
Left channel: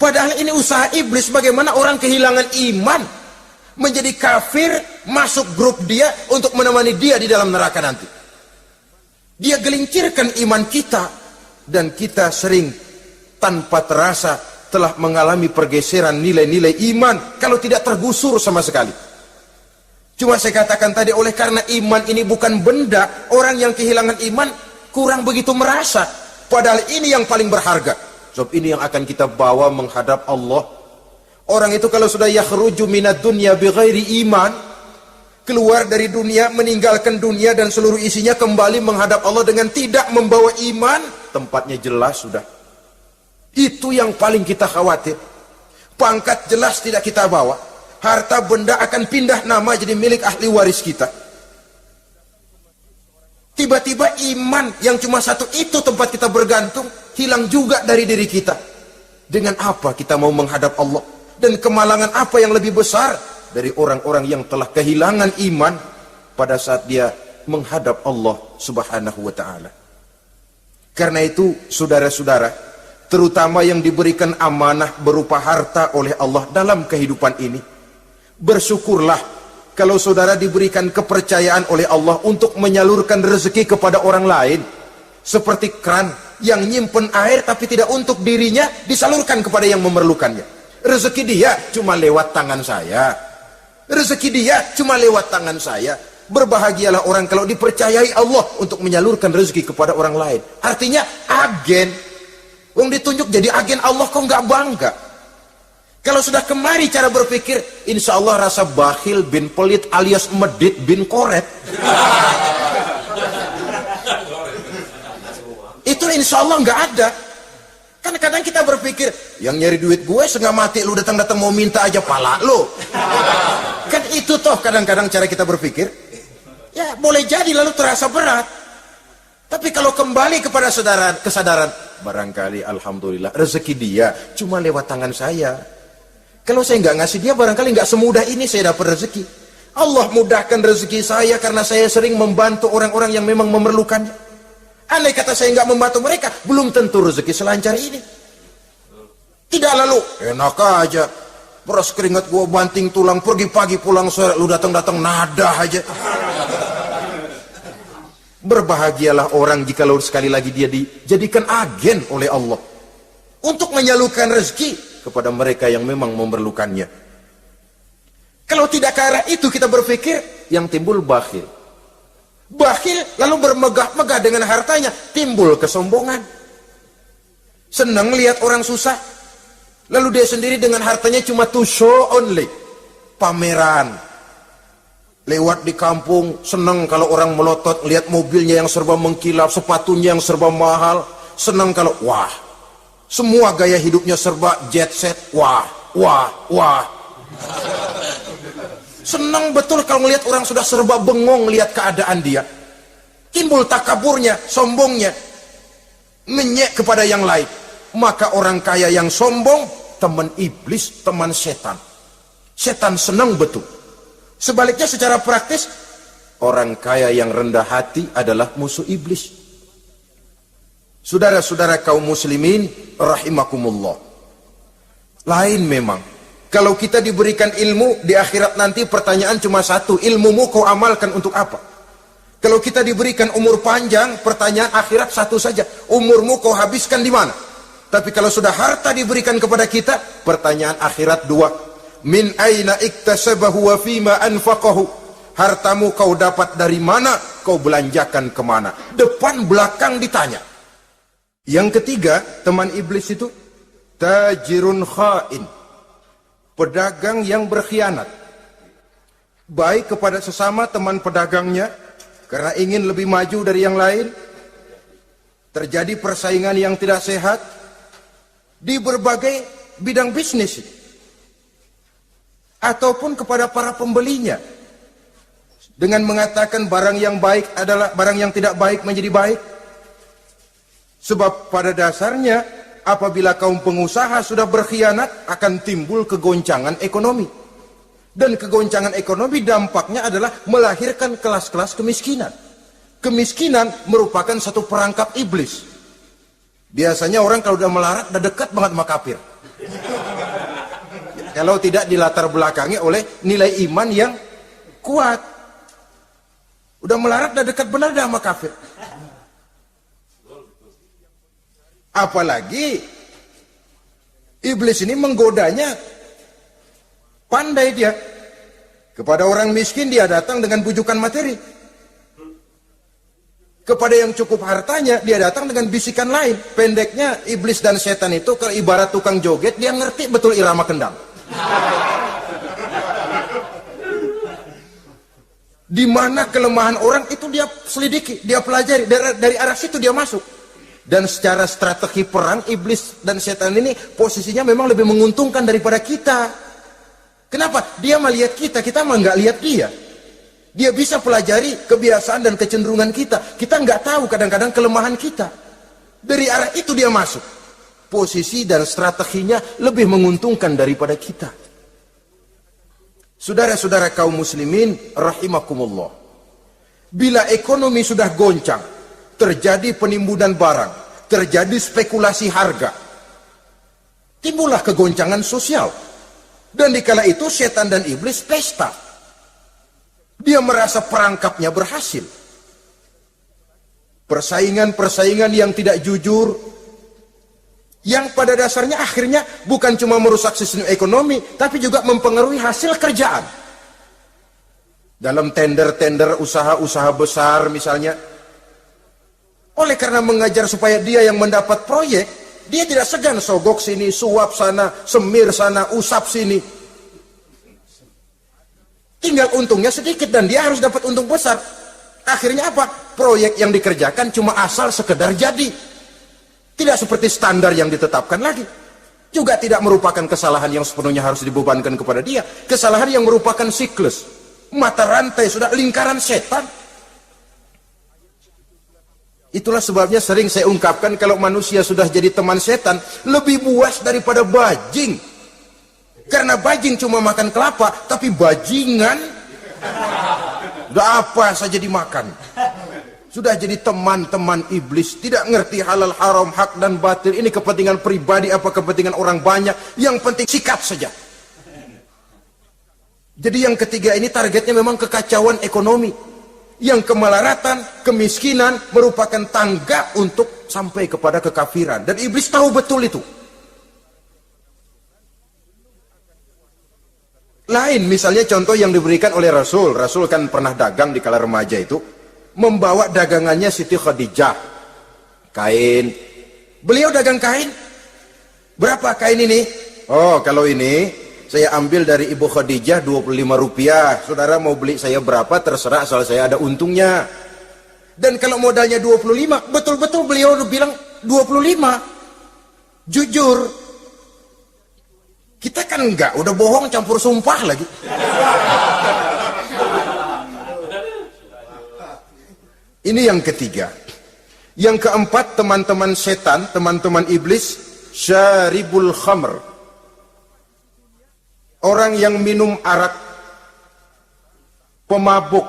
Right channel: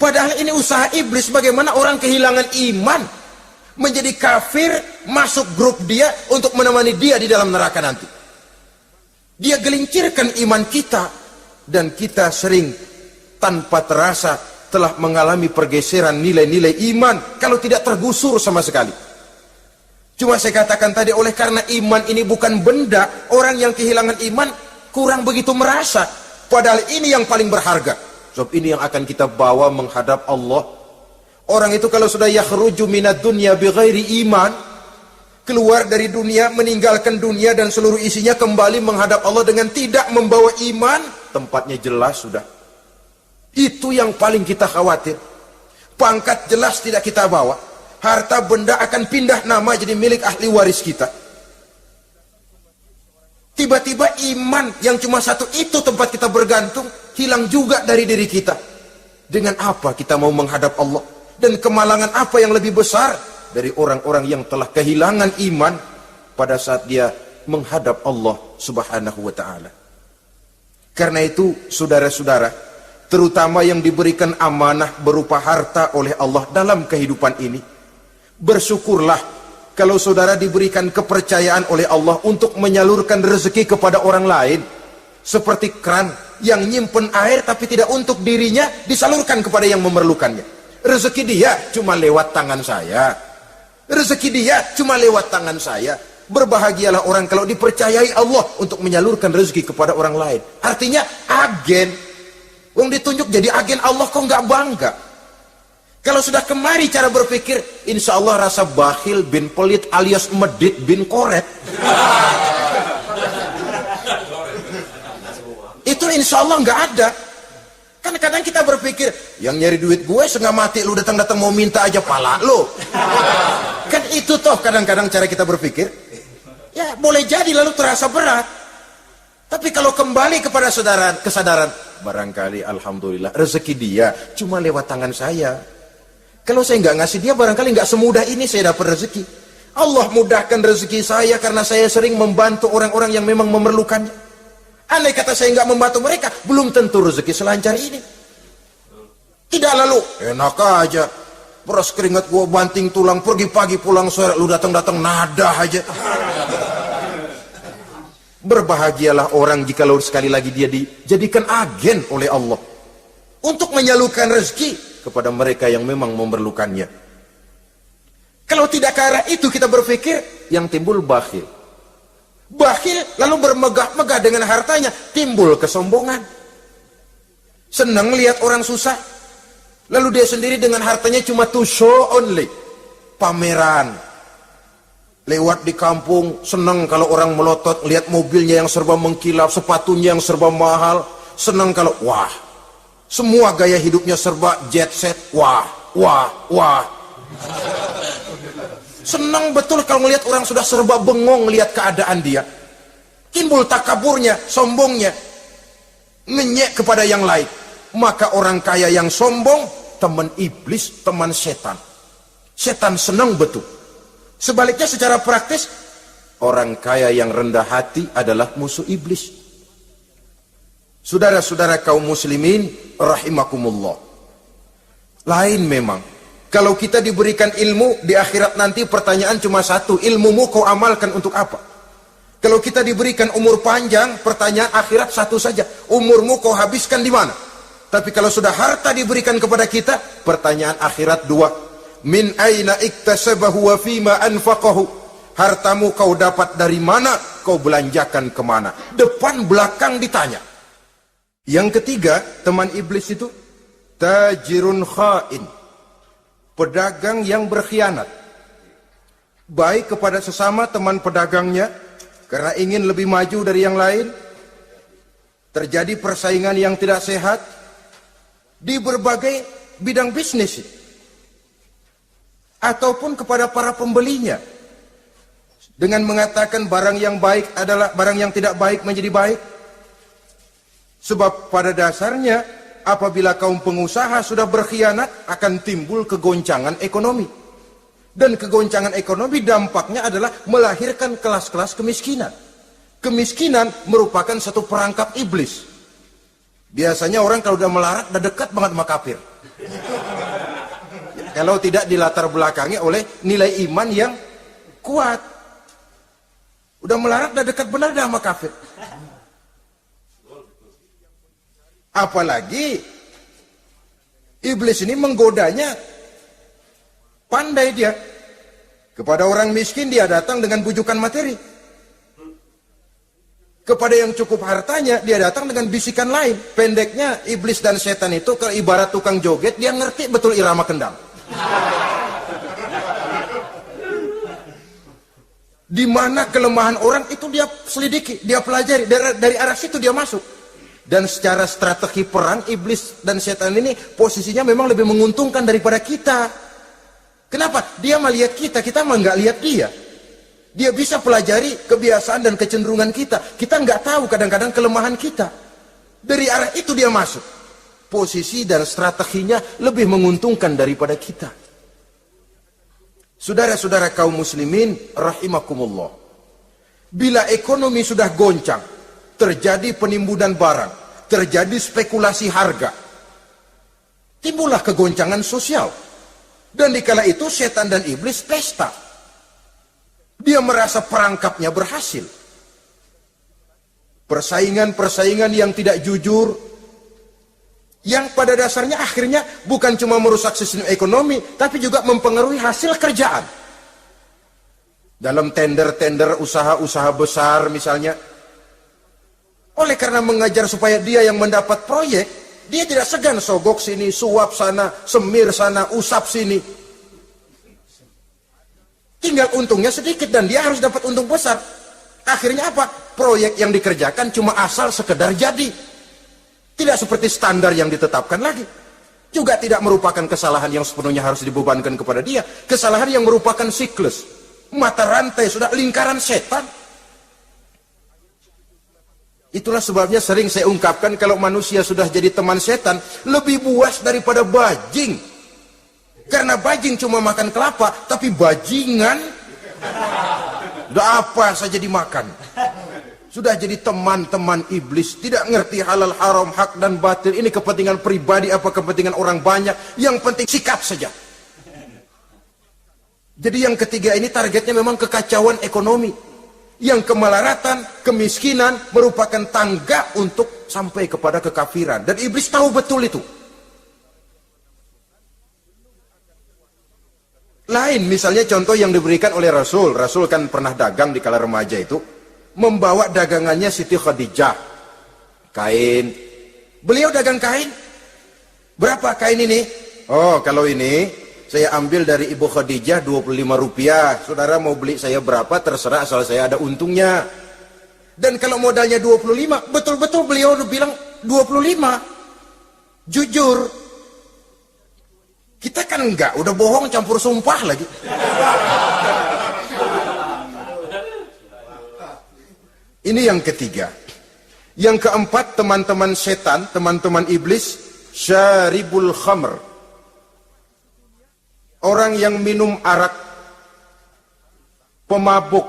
Padahal ini usaha iblis bagaimana orang kehilangan iman, menjadi kafir, masuk grup dia untuk menemani dia di dalam neraka nanti. Dia gelincirkan iman kita, dan kita sering tanpa terasa telah mengalami pergeseran nilai-nilai iman kalau tidak tergusur sama sekali. Cuma saya katakan tadi, oleh karena iman ini bukan benda, orang yang kehilangan iman kurang begitu merasa. Padahal ini yang paling berharga. Sebab ini yang akan kita bawa menghadap Allah. Orang itu kalau sudah yakhruju minad dunya bighairi iman, keluar dari dunia, meninggalkan dunia dan seluruh isinya, kembali menghadap Allah dengan tidak membawa iman, tempatnya jelas sudah. Itu yang paling kita khawatir. Pangkat jelas tidak kita bawa. Harta benda akan pindah nama jadi milik ahli waris kita. Tiba-tiba iman yang cuma satu itu tempat kita bergantung, hilang juga dari diri kita. Dengan apa kita mau menghadap Allah? Dan kemalangan apa yang lebih besar dari orang-orang yang telah kehilangan iman pada saat dia menghadap Allah Subhanahu wa ta'ala. Karena itu, saudara-saudara, terutama yang diberikan amanah berupa harta oleh Allah dalam kehidupan ini, bersyukurlah kalau saudara diberikan kepercayaan oleh Allah untuk menyalurkan rezeki kepada orang lain. Seperti kran yang nyimpen air tapi tidak untuk dirinya, disalurkan kepada yang memerlukannya. Rezeki dia cuma lewat tangan saya. Rezeki dia cuma lewat tangan saya. Berbahagialah orang kalau dipercayai Allah untuk menyalurkan rezeki kepada orang lain. Artinya agen. Yang ditunjuk jadi agen Allah, kok nggak bangga? Kalau sudah kemari cara berpikir, insya Allah rasa bakhil bin pelit alias medit bin koret. Itu insya Allah nggak ada. Kan kadang kita berpikir, yang nyari duit gue setengah mati, lu datang-datang mau minta aja pala lu. Kan itu toh kadang-kadang cara kita berpikir. Ya boleh jadi lalu terasa berat. Tapi kalau kembali kepada kesadaran, barangkali alhamdulillah rezeki dia cuma lewat tangan saya. Kalau saya nggak ngasih dia, barangkali nggak semudah ini saya dapat rezeki. Allah mudahkan rezeki saya karena saya sering membantu orang-orang yang memang memerlukannya. Andai kata saya nggak membantu mereka, belum tentu rezeki selancar ini. Tidak lalu, enak aja. Terus keringat gua banting tulang, pergi pagi pulang sore, lu datang-datang nada aja. Berbahagialah orang jika lalu sekali lagi dia dijadikan agen oleh Allah untuk menyalurkan rezeki kepada mereka yang memang memerlukannya. Kalau tidak ke arah itu kita berpikir, yang timbul bakhil. Bakhil lalu bermegah-megah dengan hartanya, timbul kesombongan. Senang lihat orang susah, lalu dia sendiri dengan hartanya cuma to show only, pameran. Lewat di kampung, senang kalau orang melotot, lihat mobilnya yang serba mengkilap, sepatunya yang serba mahal. Senang kalau, wah, semua gaya hidupnya serba jet set, wah. Senang betul kalau melihat orang sudah serba bengong melihat keadaan dia. Timbul takaburnya, sombongnya, menyek kepada yang lain. Maka orang kaya yang sombong, teman iblis, teman setan. Setan senang betul. Sebaliknya secara praktis, orang kaya yang rendah hati adalah musuh iblis. Saudara-saudara kaum muslimin, rahimakumullah. Lain memang. Kalau kita diberikan ilmu, di akhirat nanti pertanyaan cuma satu, ilmumu kau amalkan untuk apa? Kalau kita diberikan umur panjang, pertanyaan akhirat satu saja, umurmu kau habiskan di mana? Tapi kalau sudah harta diberikan kepada kita, pertanyaan akhirat dua, min aina iktasabahu wa fima anfaqahu. Hartamu kau dapat dari mana, kau belanjakan kemana. Depan belakang ditanya. Yang ketiga, teman iblis itu tajirun khain, pedagang yang berkhianat. Baik kepada sesama teman pedagangnya, karena ingin lebih maju dari yang lain. Terjadi persaingan yang tidak sehat di berbagai bidang bisnis. Ataupun kepada para pembelinya. Dengan mengatakan barang yang baik adalah barang yang tidak baik menjadi baik. Sebab pada dasarnya apabila kaum pengusaha sudah berkhianat akan timbul kegoncangan ekonomi. Dan kegoncangan ekonomi dampaknya adalah melahirkan kelas-kelas kemiskinan. Kemiskinan merupakan satu perangkap iblis. Biasanya orang kalau udah melarat udah dekat banget sama kafir. Kalau tidak dilatar belakangi oleh nilai iman yang kuat. Udah melarat udah dekat benar sama kafir. Apalagi iblis ini menggodanya pandai dia. Kepada orang miskin dia datang dengan bujukan materi. Kepada yang cukup hartanya dia datang dengan bisikan lain. Pendeknya iblis dan setan itu kalau ibarat tukang joget, dia ngerti betul irama kendang. Di mana kelemahan orang itu dia selidiki, dia pelajari, dari arah situ dia masuk. Dan secara strategi perang, iblis dan setan ini posisinya memang lebih menguntungkan daripada kita. Kenapa? Dia melihat kita mah nggak lihat dia. Dia bisa pelajari kebiasaan dan kecenderungan kita. Kita nggak tahu kadang-kadang kelemahan kita. Dari arah itu dia masuk. Posisi dan strateginya lebih menguntungkan daripada kita. Saudara-saudara kaum muslimin rahimakumullah. Bila ekonomi sudah goncang, terjadi penimbunan barang, terjadi spekulasi harga, timbullah kegoncangan sosial. Dan dikala itu setan dan iblis pesta. Dia merasa perangkapnya berhasil. Persaingan-persaingan yang tidak jujur, yang pada dasarnya akhirnya bukan cuma merusak sistem ekonomi, tapi juga mempengaruhi hasil kerjaan. Dalam tender-tender usaha-usaha besar misalnya, oleh karena mengejar supaya dia yang mendapat proyek, dia tidak segan sogok sini, suap sana, semir sana, usap sini. Tinggal untungnya sedikit dan dia harus dapat untung besar. Akhirnya apa? Proyek yang dikerjakan cuma asal sekedar jadi. Tidak seperti standar yang ditetapkan lagi. Juga tidak merupakan kesalahan yang sepenuhnya harus dibebankan kepada dia. Kesalahan yang merupakan siklus. Mata rantai, sudah lingkaran setan. Itulah sebabnya sering saya ungkapkan kalau manusia sudah jadi teman setan, lebih buas daripada bajing. Karena bajing cuma makan kelapa, tapi bajingan udah apa saja dimakan. Sudah jadi teman-teman iblis, tidak ngerti halal haram, hak dan batil. Ini kepentingan pribadi apa kepentingan orang banyak, yang penting sikat saja. Jadi yang ketiga ini targetnya memang kekacauan ekonomi. Yang kemelaratan, kemiskinan merupakan tangga untuk sampai kepada kekafiran. Dan iblis tahu betul itu. Lain misalnya contoh yang diberikan oleh Rasul. Rasul kan pernah dagang di kala remaja itu. Membawa dagangannya Siti Khadijah. Kain. Beliau dagang kain. Berapa kain ini? Oh, kalau ini saya ambil dari Ibu Khadijah 25 rupiah. Saudara mau beli saya berapa terserah asal saya ada untungnya. Dan kalau modalnya 25, betul-betul beliau bilang 25. Jujur. Kita kan enggak, udah bohong campur sumpah lagi. Ini yang ketiga. Yang keempat, teman-teman setan, teman-teman iblis, syaribul khamr. Orang yang minum arak, pemabuk,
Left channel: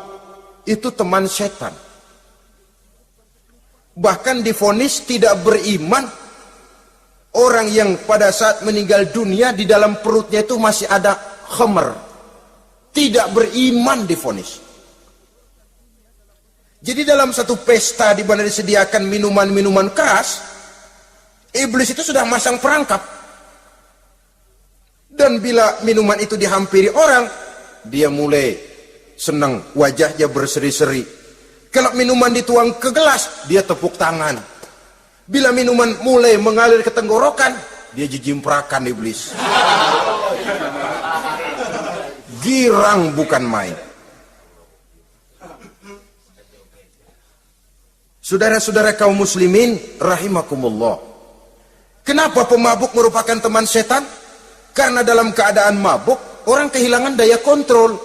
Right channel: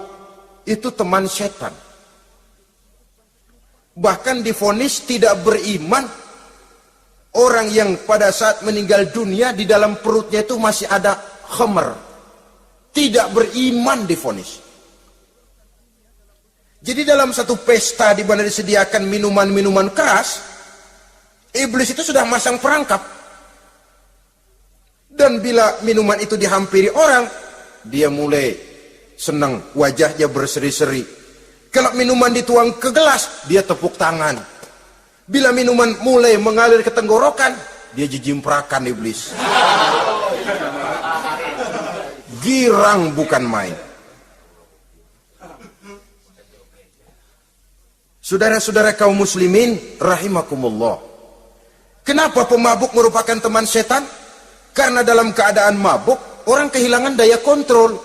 itu teman setan. Bahkan divonis tidak beriman. Orang yang pada saat meninggal dunia di dalam perutnya itu masih ada khamr. Tidak beriman divonis. Jadi dalam satu pesta di mana disediakan minuman-minuman keras, iblis itu sudah masang perangkap. Dan bila minuman itu dihampiri orang, dia mulai senang, wajahnya berseri-seri. Kalau minuman dituang ke gelas, dia tepuk tangan. Bila minuman mulai mengalir ke tenggorokan, dia jijimprakan iblis. Girang bukan main. Saudara-saudara kaum muslimin rahimakumullah. Kenapa pemabuk merupakan teman setan? Karena dalam keadaan mabuk, orang kehilangan daya kontrol.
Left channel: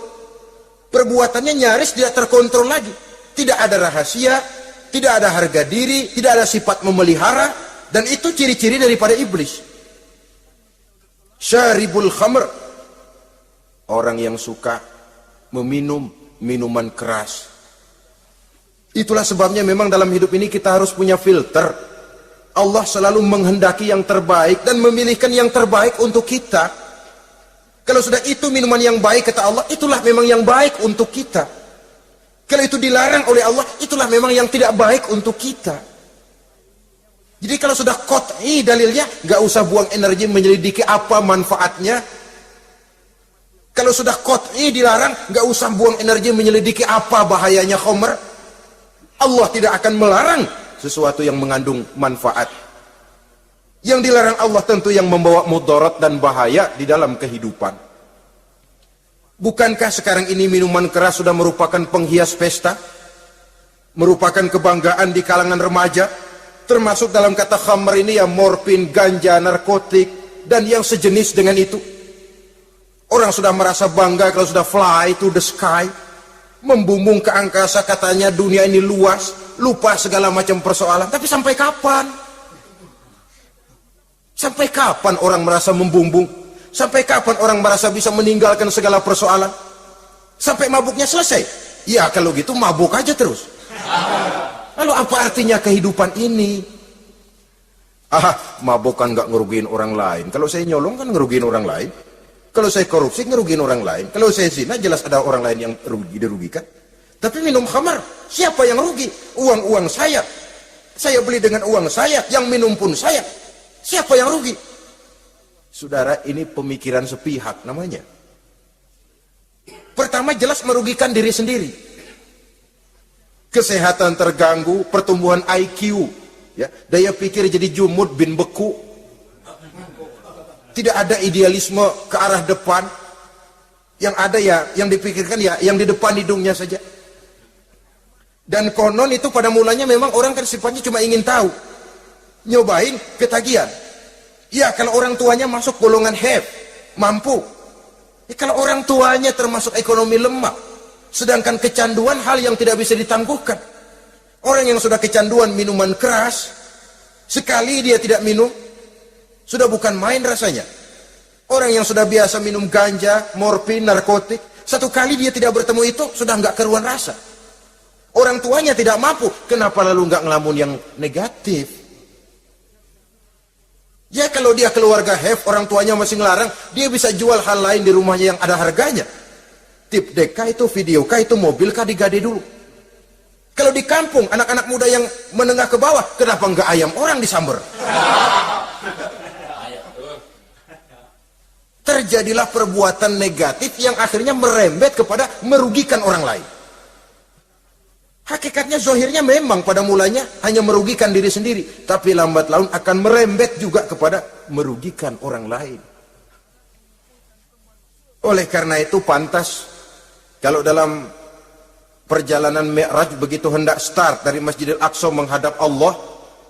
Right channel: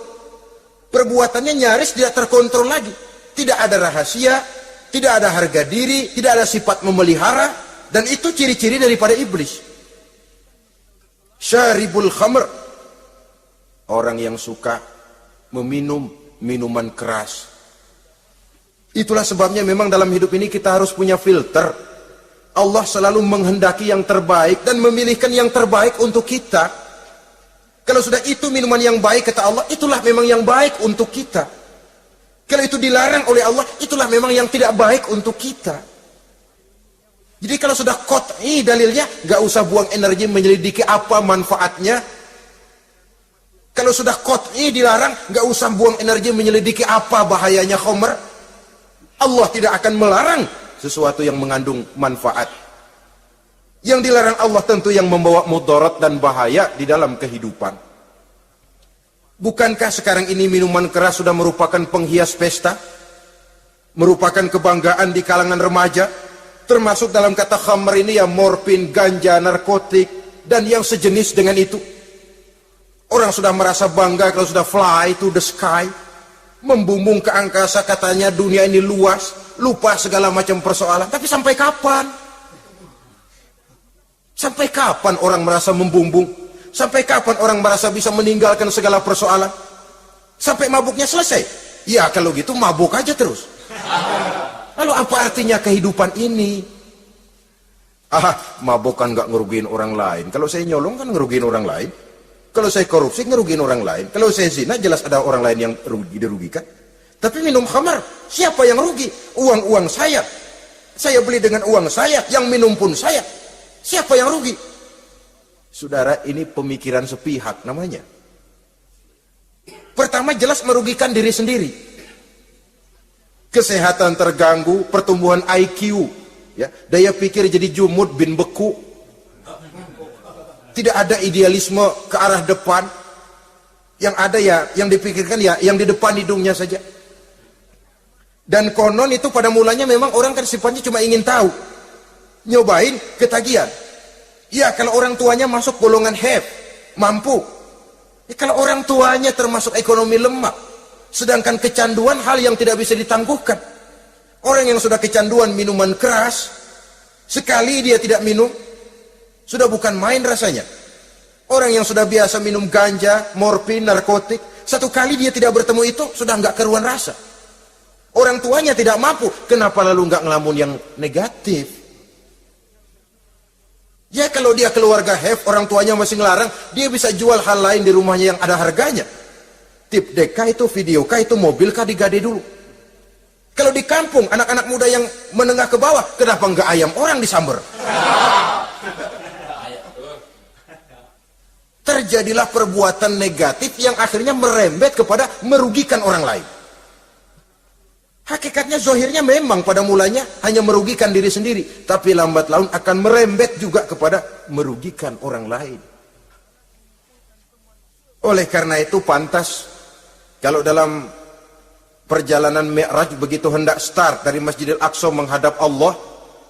Perbuatannya nyaris tidak terkontrol lagi. Tidak ada rahasia, tidak ada harga diri, tidak ada sifat memelihara, dan itu ciri-ciri daripada iblis. Syaribul khamr, orang yang suka meminum minuman keras. Itulah sebabnya memang dalam hidup ini kita harus punya filter. Allah selalu menghendaki yang terbaik dan memilihkan yang terbaik untuk kita. Kalau sudah itu minuman yang baik kata Allah, itulah memang yang baik untuk kita. Kalau itu dilarang oleh Allah, itulah memang yang tidak baik untuk kita. Jadi kalau sudah qat'i dalilnya, gak usah buang energi menyelidiki apa manfaatnya. Kalau sudah qat'i dilarang, gak usah buang energi menyelidiki apa bahayanya khamr. Allah tidak akan melarang sesuatu yang mengandung manfaat. Yang dilarang Allah tentu yang membawa mudarat dan bahaya di dalam kehidupan. Bukankah sekarang ini minuman keras sudah merupakan penghias pesta? Merupakan kebanggaan di kalangan remaja? Termasuk dalam kata khamr ini yang morfin, ganja, narkotik, dan yang sejenis dengan itu. Orang sudah merasa bangga kalau sudah fly to the sky. Membumbung ke angkasa, katanya dunia ini luas, lupa segala macam persoalan. Tapi sampai kapan? Sampai kapan orang merasa membumbung? Sampai kapan orang merasa bisa meninggalkan segala persoalan? Sampai mabuknya selesai? Ya kalau gitu mabuk aja terus. Lalu apa artinya kehidupan ini? Mabuk kan gak ngerugiin orang lain. Kalau saya nyolong kan ngerugiin orang lain. Kalau saya korupsi ngerugiin orang lain. Kalau saya zina jelas ada orang lain yang dirugikan. Tapi minum khamar, siapa yang rugi? Uang-uang saya. Saya beli dengan uang saya, yang minum pun saya. Siapa yang rugi? Saudara, ini pemikiran sepihak namanya. Pertama jelas merugikan diri sendiri. Kesehatan terganggu, pertumbuhan IQ, ya, daya pikir jadi jumud bin beku. Tidak ada idealisme ke arah depan. Yang ada ya, yang dipikirkan ya, yang di depan hidungnya saja. Dan konon itu pada mulanya memang orang kan sifatnya cuma ingin tahu. Nyobain, ketagihan. Ya kalau orang tuanya masuk golongan have, mampu. Ya, kalau orang tuanya termasuk ekonomi lemah. Sedangkan kecanduan hal yang tidak bisa ditangguhkan. Orang yang sudah kecanduan minuman keras, sekali dia tidak minum, sudah bukan main rasanya. Orang yang sudah biasa minum ganja, morfin, narkotik, satu kali dia tidak bertemu itu, sudah nggak keruan rasa. Orang tuanya tidak mampu, kenapa lalu nggak ngelamun yang negatif? Ya kalau dia keluarga have, orang tuanya masih ngelarang, dia bisa jual hal lain di rumahnya yang ada harganya. Tip deka itu, video kah itu, mobil kah digade dulu. Kalau di kampung, anak-anak muda yang menengah ke bawah, kenapa nggak ayam orang disambar? Terjadilah perbuatan negatif yang akhirnya merembet kepada merugikan orang lain. Hakikatnya zahirnya memang pada mulanya hanya merugikan diri sendiri, tapi lambat laun akan merembet juga kepada merugikan orang lain. Oleh karena itu pantas kalau dalam perjalanan Mi'raj begitu hendak start dari Masjidil Aqsa menghadap Allah,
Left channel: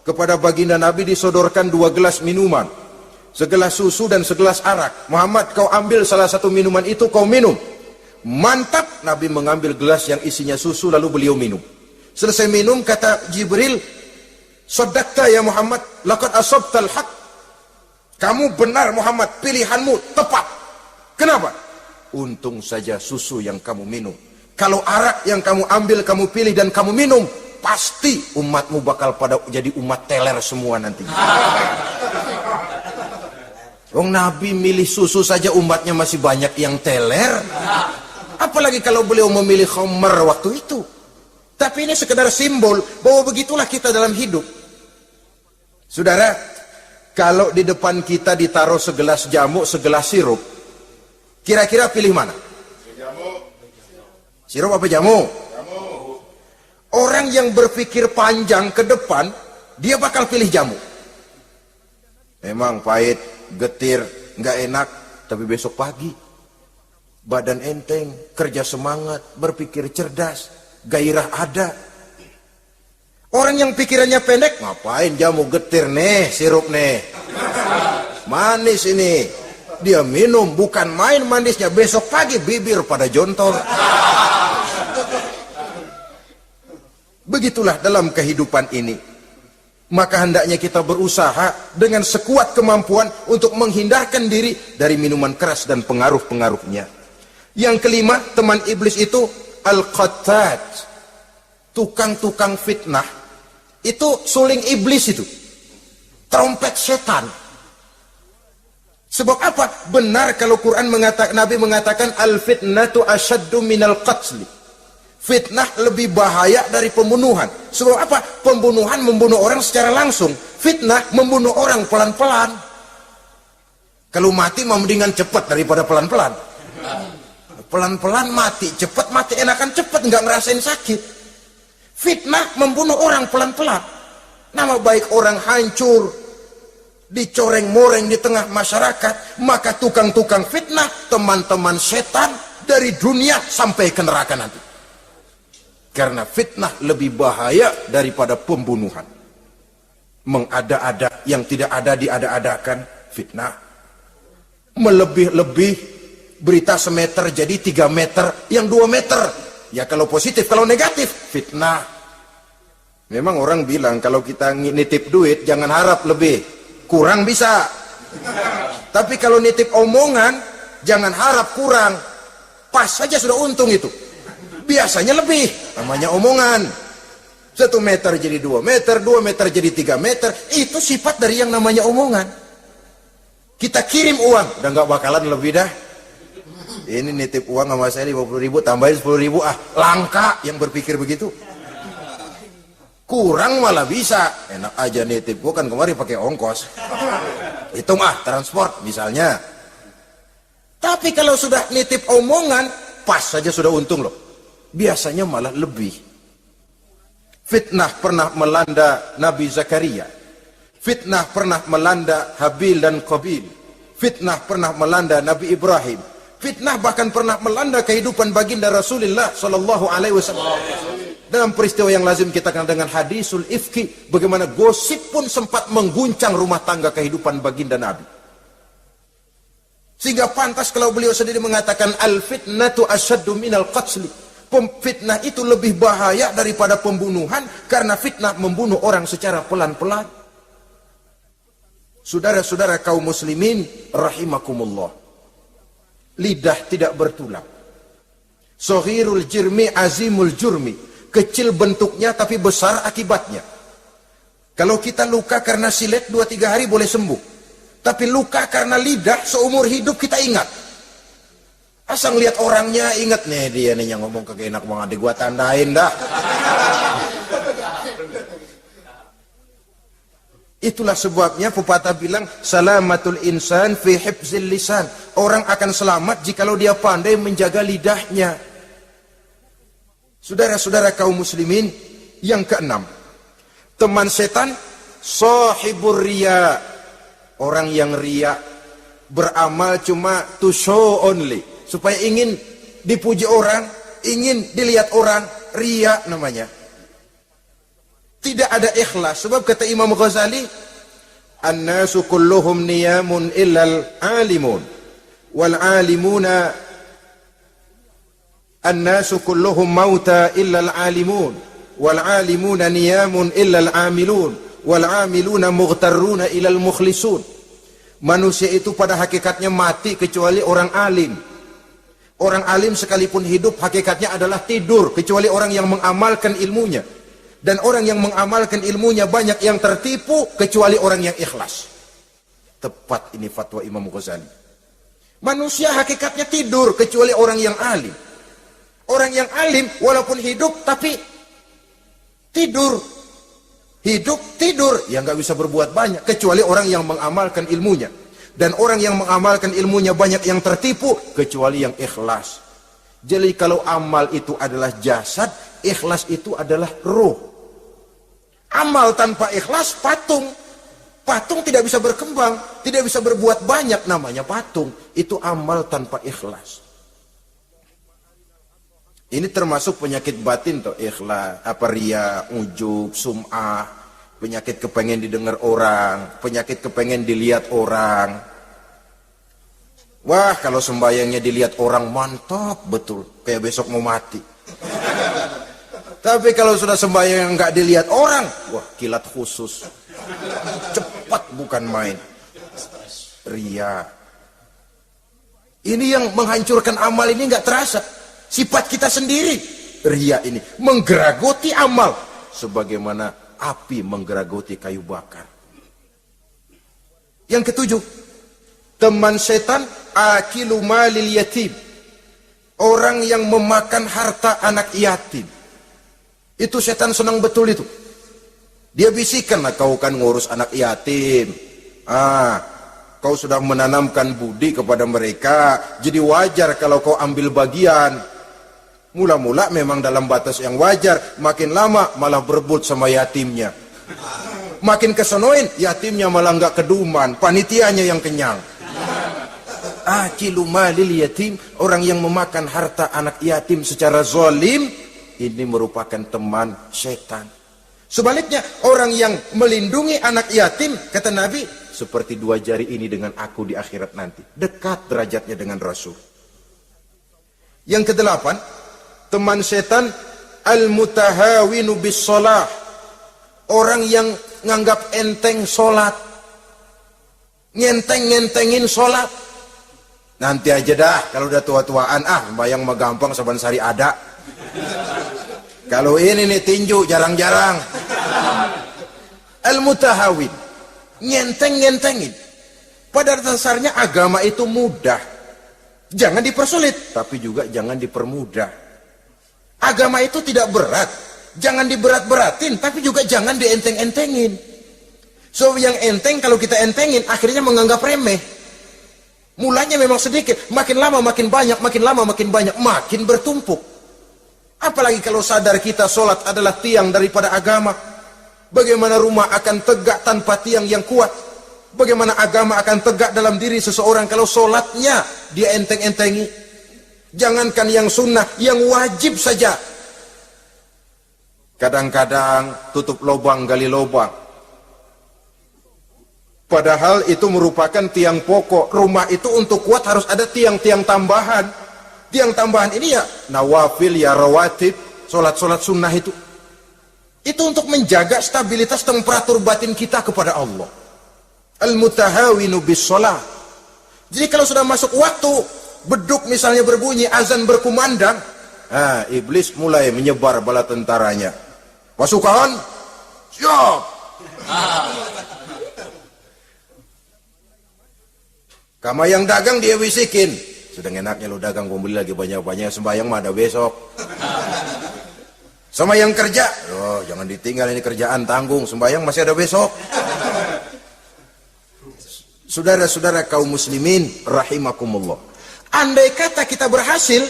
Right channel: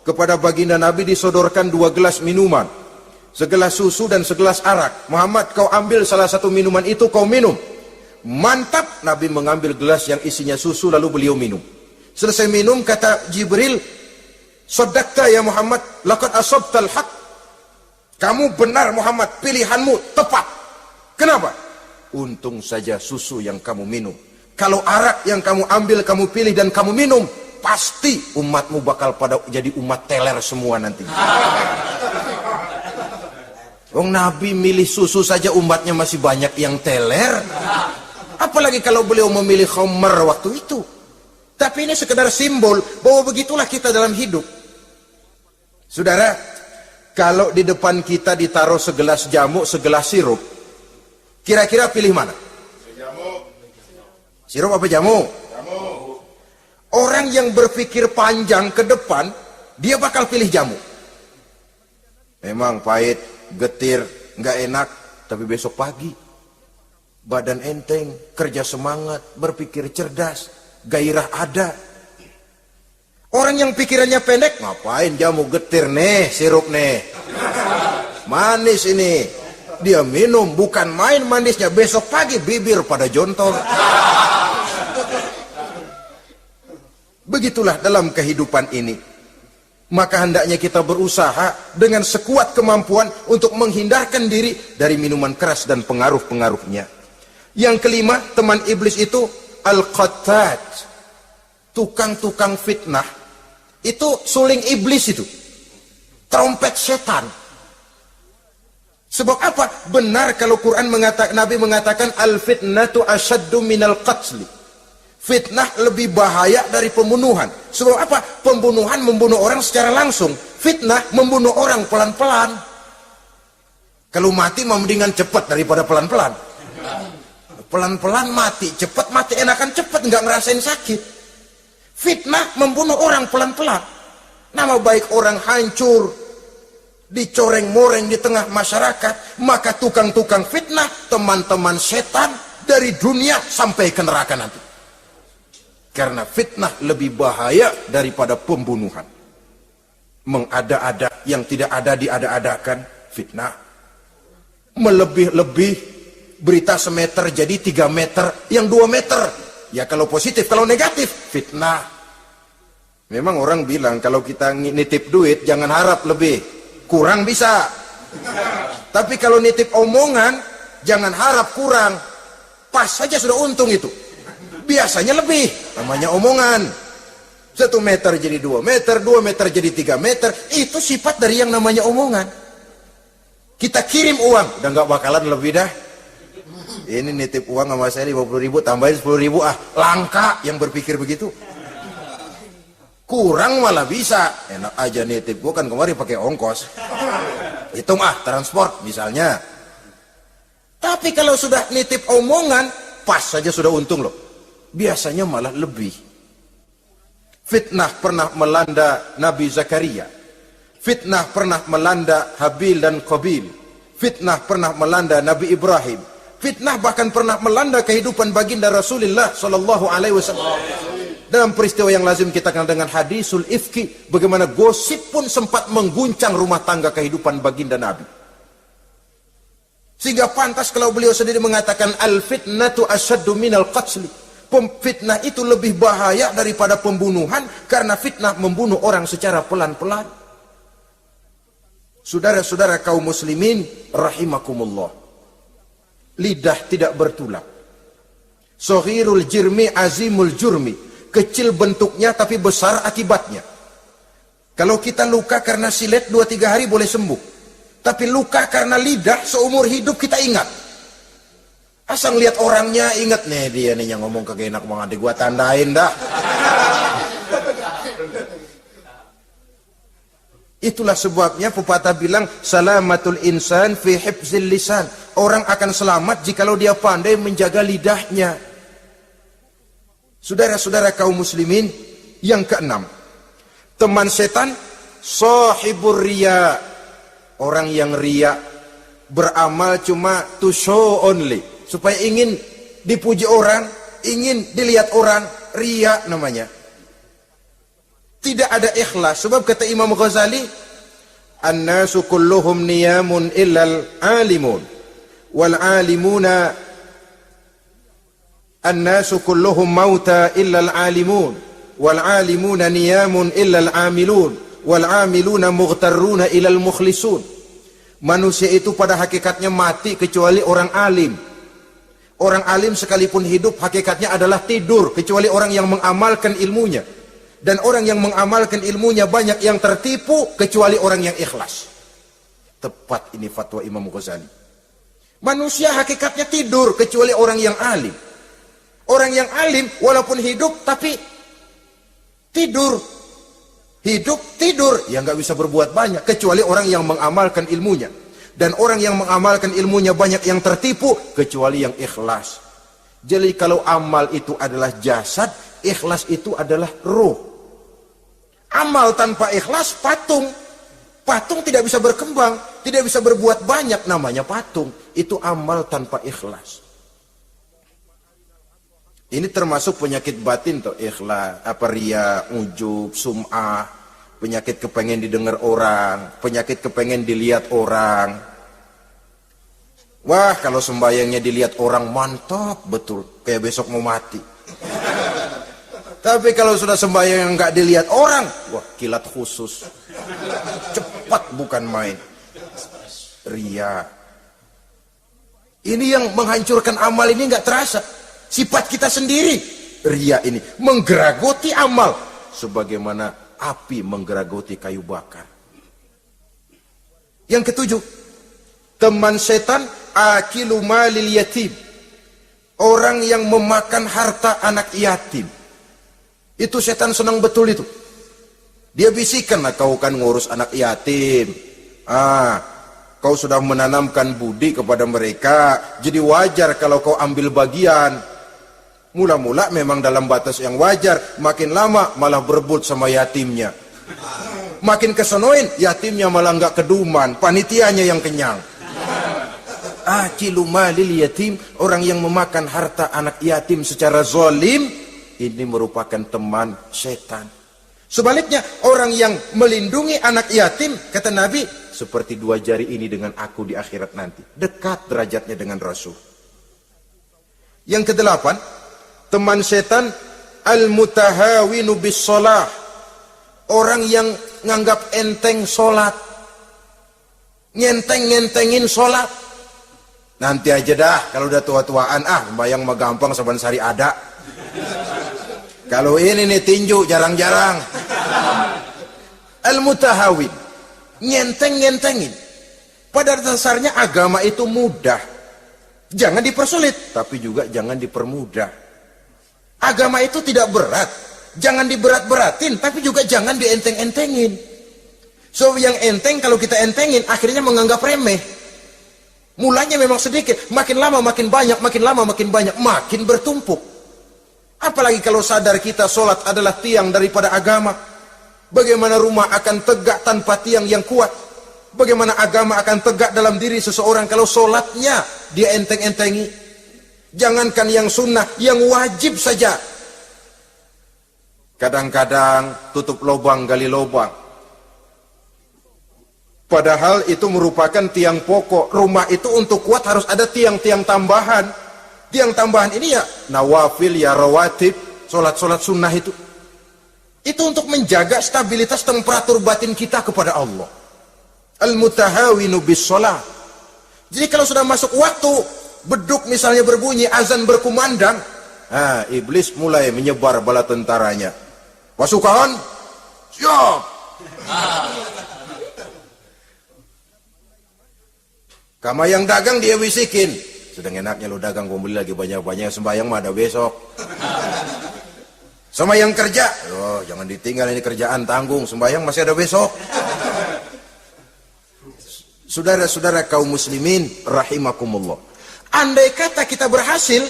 kepada baginda Nabi disodorkan 2 gelas minuman. Segelas susu dan segelas arak. Muhammad, kau ambil salah satu minuman itu, kau minum. Mantap, Nabi mengambil gelas yang isinya susu lalu beliau minum. Selesai minum kata Jibril, "Saddaqta ya Muhammad, laqad asabtal haq." Kamu benar Muhammad, pilihanmu tepat. Kenapa? Untung saja susu yang kamu minum. Kalau arak yang kamu ambil, kamu pilih dan kamu minum, pasti umatmu bakal pada jadi umat teler semua nanti. Nabi milih susu saja umatnya masih banyak yang teler. Apalagi kalau beliau memilih khamar waktu itu. Tapi ini sekedar simbol bahwa begitulah kita dalam hidup. Saudara, kalau di depan kita ditaruh segelas jamu, segelas sirup, kira-kira pilih mana? Sirup apa jamu? Orang yang berpikir panjang ke depan, dia bakal pilih jamu. Memang pahit, getir, nggak enak, tapi besok pagi badan enteng, kerja semangat, berpikir cerdas, gairah ada. Orang yang pikirannya pendek, ngapain jamu getir nih, sirup nih, manis ini, dia minum, bukan main manisnya, besok pagi bibir pada jontong. Begitulah dalam kehidupan ini. Maka hendaknya kita berusaha dengan sekuat kemampuan untuk menghindarkan diri dari minuman keras dan pengaruh-pengaruhnya. Yang kelima, teman iblis itu al-qattat, tukang-tukang fitnah. Itu suling iblis itu, trompet setan. Sebab apa? Benar kalau Quran mengatakan, Nabi mengatakan al-fitnatu asyaddu minal qatli. Fitnah lebih bahaya dari pembunuhan. Sebab apa? Pembunuhan membunuh orang secara langsung. Fitnah membunuh orang pelan-pelan. Kalau mati mendingan cepat daripada pelan-pelan. Pelan-pelan mati, cepat mati, enakan cepat, nggak ngerasain sakit. Fitnah membunuh orang pelan-pelan. Nama baik orang hancur, dicoreng-moreng di tengah masyarakat. Maka tukang-tukang fitnah, teman-teman setan dari dunia sampai ke neraka nanti. Karena fitnah lebih bahaya daripada pembunuhan. Mengada-ada yang tidak ada diada-adakan, fitnah. Melebih-lebih, berita semeter jadi 3 meter, yang 2 meter. Ya kalau positif, kalau negatif, fitnah. Memang orang bilang kalau kita nitip duit, jangan harap lebih. Kurang bisa. Tapi kalau nitip omongan, jangan harap kurang. Pas saja sudah untung itu. Biasanya lebih, namanya omongan. 1 meter jadi 2 meter, 2 meter jadi 3 meter. Itu sifat dari yang namanya omongan. Kita kirim uang, dan gak bakalan lebih dah. Ini nitip uang sama saya 50.000, tambahin 10.000, langka yang berpikir begitu. Kurang malah bisa. Enak aja nitip, gua kan kemarin pakai ongkos. Itu mah transport misalnya. Tapi kalau sudah nitip omongan, pas saja sudah untung loh. Biasanya malah lebih. Fitnah pernah melanda Nabi Zakaria. Fitnah pernah melanda Habil dan Qabil. Fitnah pernah melanda Nabi Ibrahim. Fitnah bahkan pernah melanda kehidupan baginda Rasulullah sallallahu alaihi wasallam. Dalam peristiwa yang lazim kita kenal dengan hadisul ifki, bagaimana gosip pun sempat mengguncang rumah tangga kehidupan baginda Nabi. Sehingga pantas kalau beliau sendiri mengatakan al-fitnatu asyaddu minal qatl. Fitnah itu lebih bahaya daripada pembunuhan karena fitnah membunuh orang secara pelan-pelan. Saudara-saudara kaum muslimin rahimakumullah. Lidah tidak bertulang. Saghirul jirmi azimul jurmi. Kecil bentuknya tapi besar akibatnya. Kalau kita luka karena silet 2-3 hari boleh sembuh. Tapi luka karena lidah seumur hidup kita ingat. Asal lihat orangnya ingat nih dia nih yang ngomong kagak enak banget, gua tandain dah. Itulah sebabnya pepatah bilang salamatul insan fi hifzil lisan. Orang akan selamat jikalau dia pandai menjaga lidahnya. Saudara-saudara kaum muslimin, yang keenam, teman setan sahibur riya. Orang yang riya, beramal cuma to show only, supaya ingin dipuji orang, ingin dilihat orang, riya namanya. Tidak ada ikhlas. Sebab kata Imam Ghazali, an-nasu kulluhum niyamun illal alimun wal alimuna, an-nasu kulluhum mauta illal alimun wal alimuna niyamun illal amilun wal amiluna mughtarruna ilal mukhlisun. Manusia itu pada hakikatnya mati kecuali orang alim. Orang alim sekalipun hidup hakikatnya adalah tidur kecuali orang yang mengamalkan ilmunya. Dan orang yang mengamalkan ilmunya banyak yang tertipu kecuali orang yang ikhlas. Tepat ini fatwa Imam Ghazali. Manusia hakikatnya tidur kecuali orang yang alim. Orang yang alim walaupun hidup tapi tidur. Hidup, tidur, ya nggak bisa berbuat banyak kecuali orang yang mengamalkan ilmunya. Dan orang yang mengamalkan ilmunya banyak yang tertipu kecuali yang ikhlas. Jadi kalau amal itu adalah jasad, ikhlas itu adalah ruh. Amal tanpa ikhlas patung. Patung tidak bisa berkembang, tidak bisa berbuat banyak, namanya patung. Itu amal tanpa ikhlas. Ini termasuk penyakit batin tuh, ikhlas, ria, ujub, sum'ah, penyakit kepengen didengar orang, penyakit kepengen dilihat orang. Wah, kalau sembayangnya dilihat orang mantap betul, kayak besok mau mati. Tapi kalau sudah sembayang nggak dilihat orang, wah kilat khusus, cepat bukan main. Ria. Ini yang menghancurkan amal ini nggak terasa. Sifat kita sendiri, ria ini menggeragoti amal sebagaimana api menggeragoti kayu bakar. Yang ketujuh, teman setan akilu malil yatim, orang yang memakan harta anak yatim. Itu setan senang betul itu. Dia bisikan lah, kau kan ngurus anak yatim. Kau sudah menanamkan budi kepada mereka, jadi wajar kalau kau ambil bagian. Mula-mula memang dalam batas yang wajar, makin lama malah berebut sama yatimnya. Makin kesunuin, yatimnya malah nggak keduman, panitianya yang kenyang. Akilu malil yatim, orang yang memakan harta anak yatim secara zalim, ini merupakan teman setan. Sebaliknya, orang yang melindungi anak yatim, kata Nabi, seperti dua jari ini dengan aku di akhirat nanti. Dekat derajatnya dengan Rasul. Yang kedelapan, teman setan al-mutahawinu bis shalah. Orang yang nganggap enteng sholat. Ngenteng-ngentengin sholat. Nanti aja dah, kalau udah tua-tuaan, sembahyang mah gampang, saban sehari ada. Kalau ini nih tinju, jarang-jarang. Al-mutahawin. Ngenteng-ngentengin. Pada dasarnya agama itu mudah. Jangan dipersulit, tapi juga jangan dipermudah. Agama itu tidak berat. Jangan diberat-beratin, tapi juga jangan dienteng-entengin. So yang enteng kalau kita entengin, akhirnya menganggap remeh. Mulanya memang sedikit, makin lama makin banyak, makin lama makin banyak, makin bertumpuk. Apalagi kalau sadar kita sholat adalah tiang daripada agama. Bagaimana rumah akan tegak tanpa tiang yang kuat? Bagaimana agama akan tegak dalam diri seseorang kalau sholatnya dia enteng-entengi? Jangankan yang sunnah, yang wajib saja. Kadang-kadang tutup lubang gali lubang. Padahal itu merupakan tiang pokok. Rumah itu untuk kuat harus ada tiang-tiang tambahan. Tiang tambahan ini ya nawafil, ya rawatib, sholat-sholat sunnah itu. Itu untuk menjaga stabilitas temperatur batin kita kepada Allah. Al-mutahawinu bis shalah. Jadi kalau sudah masuk waktu, beduk misalnya berbunyi, azan berkumandang, iblis mulai menyebar bala tentaranya. Pasukan, siap. Kamu yang dagang dia bisikin, sudah enaknya lo dagang, gue beli lagi banyak-banyak, sembahyang mah ada besok. Sama yang kerja, jangan ditinggal ini kerjaan, tanggung, sembahyang masih ada besok. Saudara-saudara kaum muslimin rahimakumullah. Andai kata kita berhasil,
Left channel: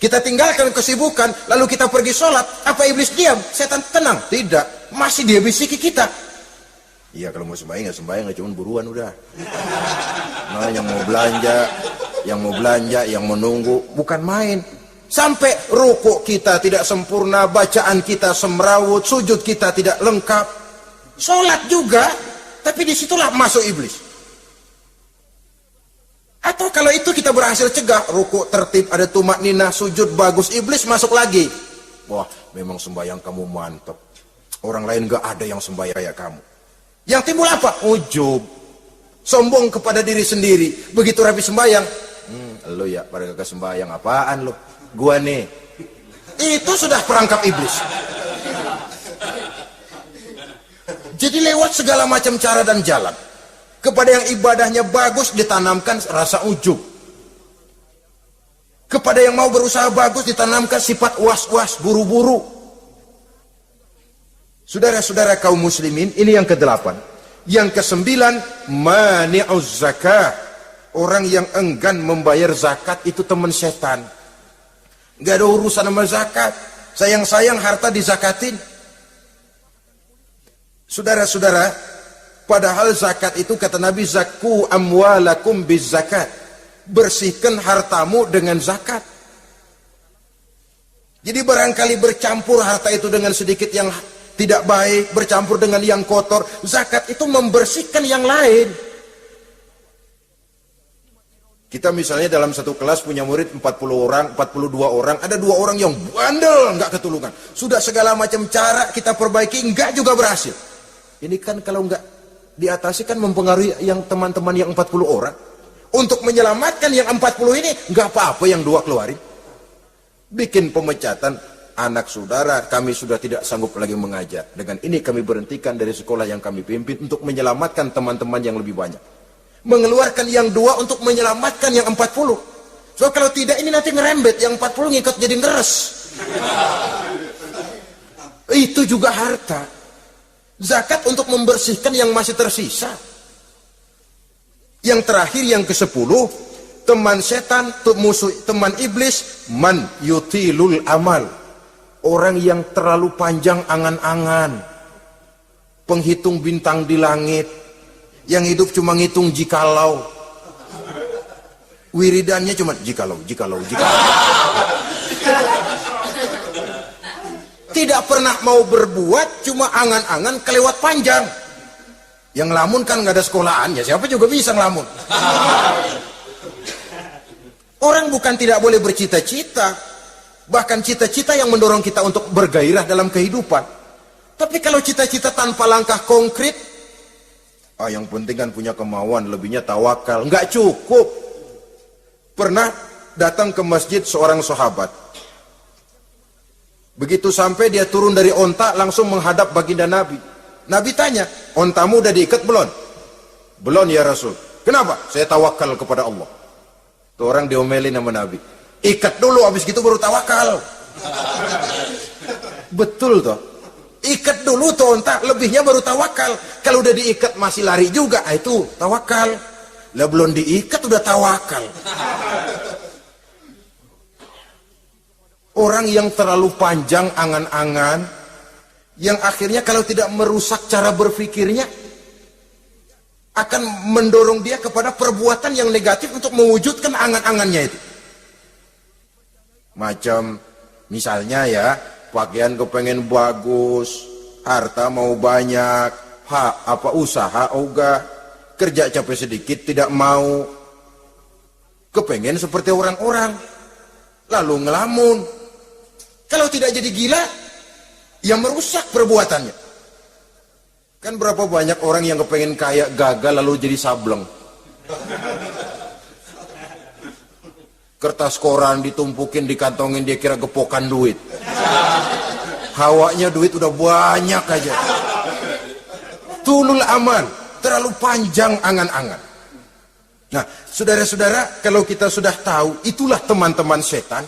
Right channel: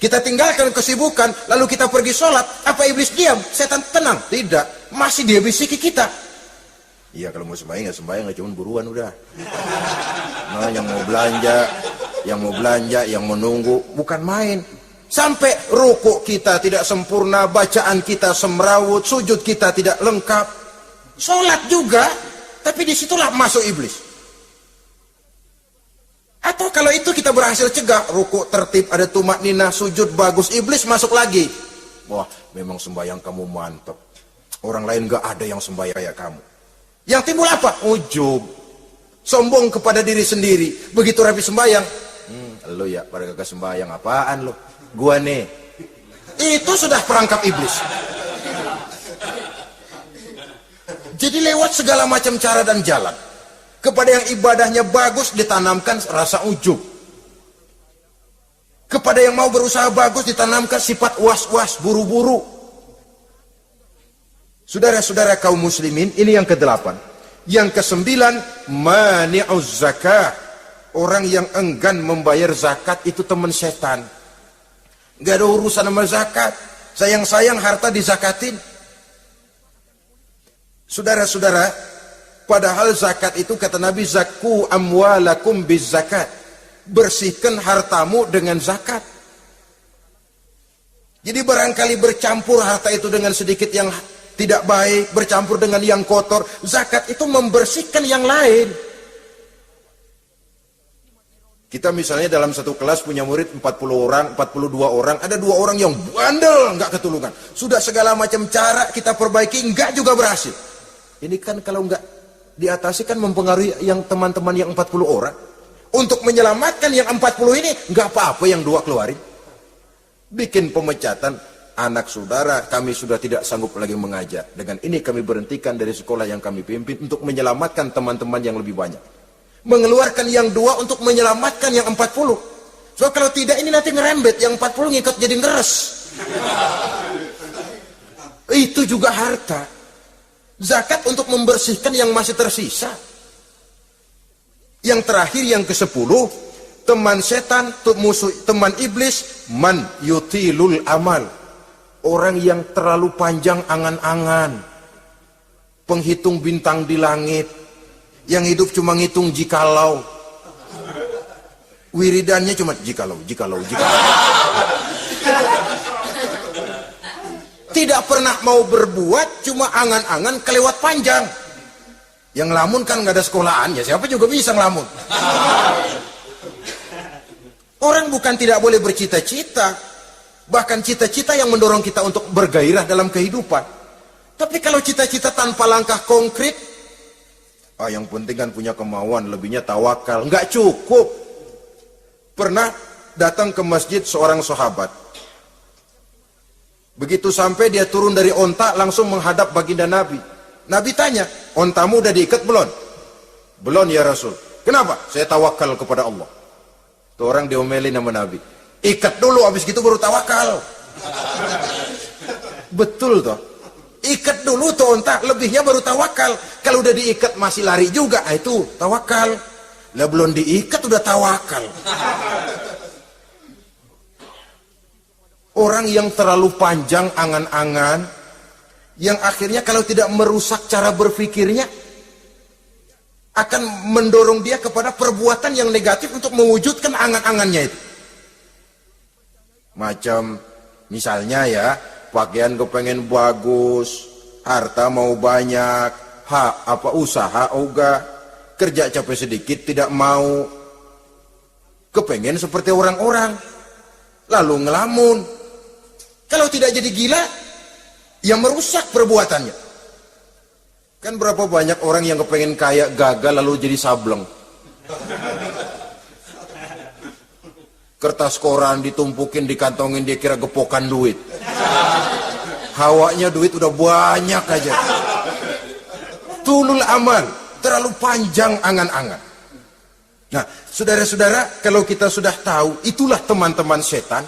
kita tinggalkan kesibukan, lalu kita pergi sholat, apa iblis diam? Setan tenang? Tidak, masih dia bisiki kita. Iya kalau mau sembahyang ya sembahyang, cuma buruan udah. Yang mau belanja, yang menunggu, bukan main. Sampai rukuk kita tidak sempurna, bacaan kita semrawut, sujud kita tidak lengkap. Sholat juga, tapi disitulah masuk iblis. Atau kalau itu kita berhasil cegah, rukuk tertib, ada tumak nina, sujud bagus, iblis masuk lagi. Wah, memang sembahyang kamu mantap. Orang lain gak ada yang sembahyang kayak kamu. Yang timbul apa? Ujub. Sombong kepada diri sendiri. Begitu rapi sembahyang, lo ya pada gak sembahyang, apaan lo? Gua nih. Itu sudah perangkap iblis. Jadi lewat segala macam cara dan jalan. Kepada yang ibadahnya bagus ditanamkan rasa ujub. Kepada yang mau berusaha bagus ditanamkan sifat was-was, buru-buru. Saudara-saudara kaum muslimin, ini yang ke-8. Yang ke-9, mani'uz zakah. Orang yang enggan membayar zakat itu teman setan. Gak ada urusan sama zakat. Sayang-sayang harta dizakatin. Saudara-saudara, padahal zakat itu kata Nabi, zakku amwalakum biz zakat. Bersihkan hartamu dengan zakat. Jadi barangkali bercampur harta itu dengan sedikit yang tidak baik, bercampur dengan yang kotor. Zakat itu membersihkan yang lain. Kita misalnya dalam satu kelas punya murid 40 orang, 42 orang. Ada 2 orang yang bandel, nggak ketulungan. Sudah segala macam cara kita perbaiki, nggak juga berhasil. Ini kan kalau nggak diatasi kan mempengaruhi yang teman-teman yang 40 orang. Untuk menyelamatkan yang 40 ini, nggak apa-apa yang 2 keluarin. Bikin pemecatan. Anak saudara, kami sudah tidak sanggup lagi mengajar. Dengan ini kami berhentikan dari sekolah yang kami pimpin untuk menyelamatkan teman-teman yang lebih banyak. Mengeluarkan yang 2 untuk menyelamatkan yang 40. So kalau tidak ini nanti ngerembet, yang 40 ngikat jadi ngeres. Itu juga harta. Zakat untuk membersihkan yang masih tersisa. Yang terakhir yang ke-10, teman setan, teman iblis, man yutilul amal. Orang yang terlalu panjang angan-angan. Penghitung bintang di langit. Yang hidup cuma ngitung jikalau. Wiridannya cuma jikalau. Tidak pernah mau berbuat, cuma angan-angan kelewat panjang. Yang ngelamun kan nggak ada sekolahannya, siapa juga bisa ngelamun. Orang bukan tidak boleh bercita-cita, bahkan cita-cita yang mendorong kita untuk bergairah dalam kehidupan. Tapi kalau cita-cita tanpa langkah konkret, yang penting kan punya kemauan, lebihnya tawakal, nggak cukup. Pernah datang ke masjid seorang sahabat. Begitu sampai dia turun dari onta, langsung menghadap baginda Nabi. Nabi tanya, ontamu udah diikat belum? Belum ya Rasul. Kenapa? Saya tawakal kepada Allah. Orang diomelin sama Nabi. Ikat dulu, habis gitu baru tawakal. Betul toh? Ikat dulu tuh onta, lebihnya baru tawakal. Kalau udah diikat masih lari juga, itu tawakal. Nah belum diikat udah tawakal. Orang yang terlalu panjang angan-angan, yang akhirnya kalau tidak merusak cara berpikirnya, akan mendorong dia kepada perbuatan yang negatif untuk mewujudkan angan-angannya itu. Macam misalnya ya, pakaian kepengen bagus, harta mau banyak, usaha ogah, kerja capek sedikit tidak mau, kepengen seperti orang-orang, lalu ngelamun. Kalau tidak jadi gila, ya merusak perbuatannya. Kan berapa banyak orang yang kepengen kaya, gagal lalu jadi sableng. Kertas koran ditumpukin, dikantongin, dia kira gepokan duit. Hawanya duit udah banyak aja. Tulul amal, terlalu panjang angan-angan. Nah, saudara-saudara, kalau kita sudah tahu, itulah teman-teman setan,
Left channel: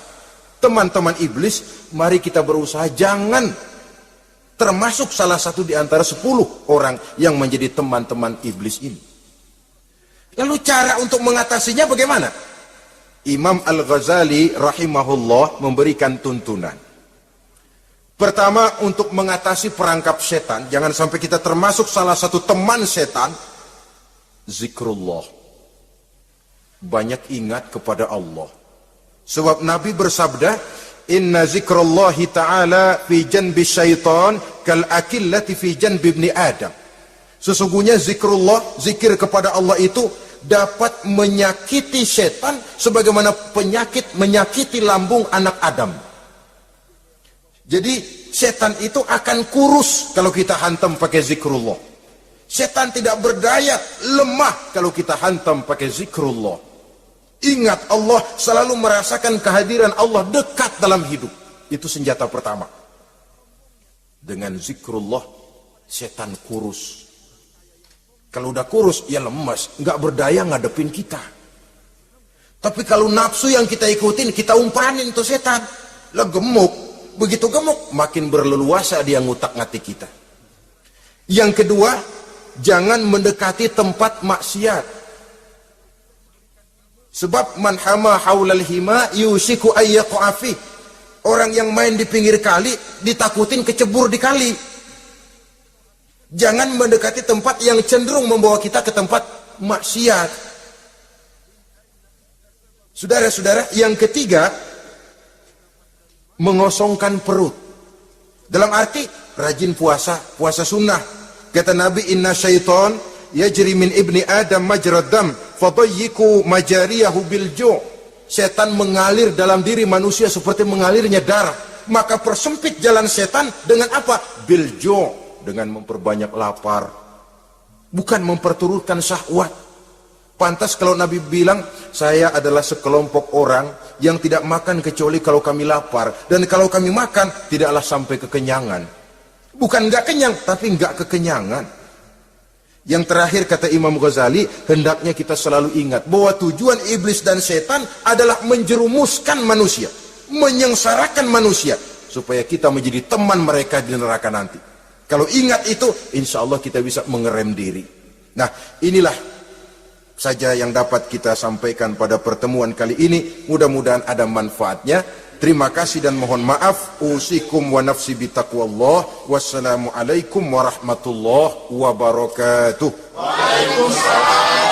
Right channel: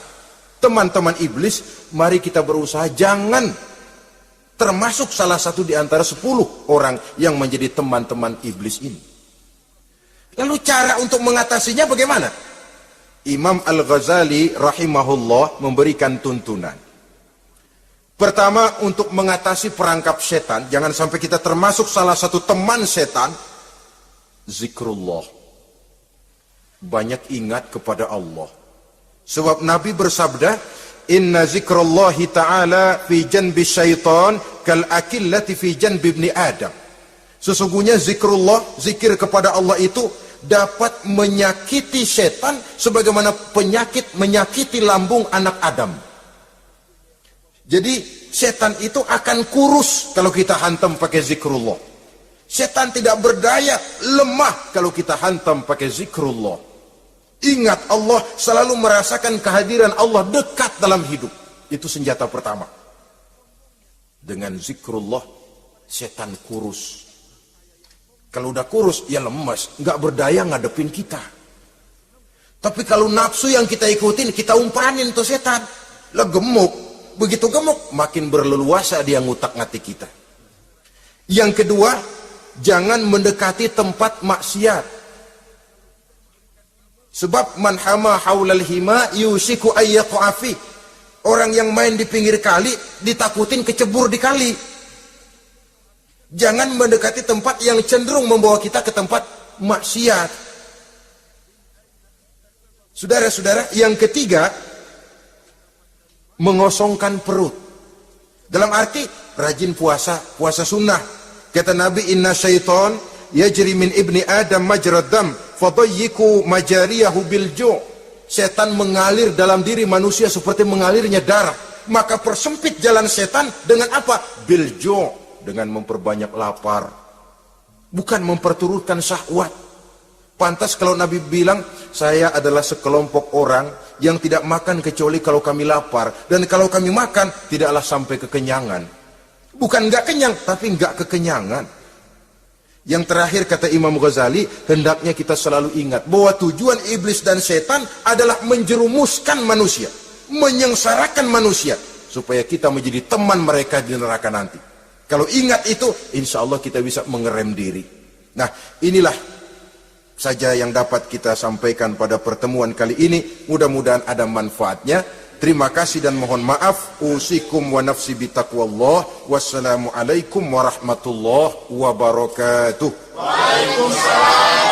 teman-teman iblis, mari kita berusaha jangan termasuk salah satu di antara 10 orang yang menjadi teman-teman iblis ini. Lalu cara untuk mengatasinya bagaimana? Imam Al-Ghazali rahimahullah memberikan tuntunan. Pertama, untuk mengatasi perangkap setan, jangan sampai kita termasuk salah satu teman setan, zikrullah. Banyak ingat kepada Allah. Sebab Nabi bersabda, inna zikrullahi ta'ala fi janbi syaitan kal akillati fi janbi ibni Adam. Sesungguhnya zikrullah, zikir kepada Allah itu dapat menyakiti setan sebagaimana penyakit menyakiti lambung anak Adam. Jadi setan itu akan kurus kalau kita hantam pakai zikrullah. Setan tidak berdaya, lemah kalau kita hantam pakai zikrullah. Ingat Allah, selalu merasakan kehadiran Allah dekat dalam hidup. Itu senjata pertama. Dengan zikrullah, setan kurus. Kalau udah kurus, dia lemas. Nggak berdaya ngadepin kita. Tapi kalau nafsu yang kita ikutin, kita umpanin tuh setan. Lah gemuk. Begitu gemuk, makin berleluasa dia ngutak-ngatik kita. Yang kedua, jangan mendekati tempat maksiat. Sebab man hama haulal hima yusiku ayyaqa fi. Orang yang main di pinggir kali ditakutin kecebur di kali. Jangan mendekati tempat yang cenderung membawa kita ke tempat maksiat. Saudara-saudara, yang ketiga, mengosongkan perut. Dalam arti rajin puasa, puasa sunnah. Kata Nabi, inna syaitan yajri min ibni adam majrad dam fadayyiku majariyahu bil ju'. Setan mengalir dalam diri manusia seperti mengalirnya darah. Maka persempit jalan setan dengan apa? Bil ju', dengan memperbanyak lapar. Bukan memperturutkan syahwat. Pantas kalau Nabi bilang, saya adalah sekelompok orang yang tidak makan kecuali kalau kami lapar. Dan kalau kami makan, tidaklah sampai kekenyangan. Bukan nggak kenyang, tapi nggak kekenyangan. Yang terakhir kata Imam Ghazali, hendaknya kita selalu ingat bahwa tujuan iblis dan setan adalah menjerumuskan manusia, menyengsarakan manusia, supaya kita menjadi teman mereka di neraka nanti. Kalau ingat itu, insya Allah kita bisa mengerem diri. Nah, inilah saja yang dapat kita sampaikan pada pertemuan kali ini. Mudah-mudahan ada manfaatnya. Terima kasih dan mohon maaf. Usikum wa nafsi bitaqwallah. Wassalamualaikum warahmatullahi wabarakatuh. Waalaikumsalam.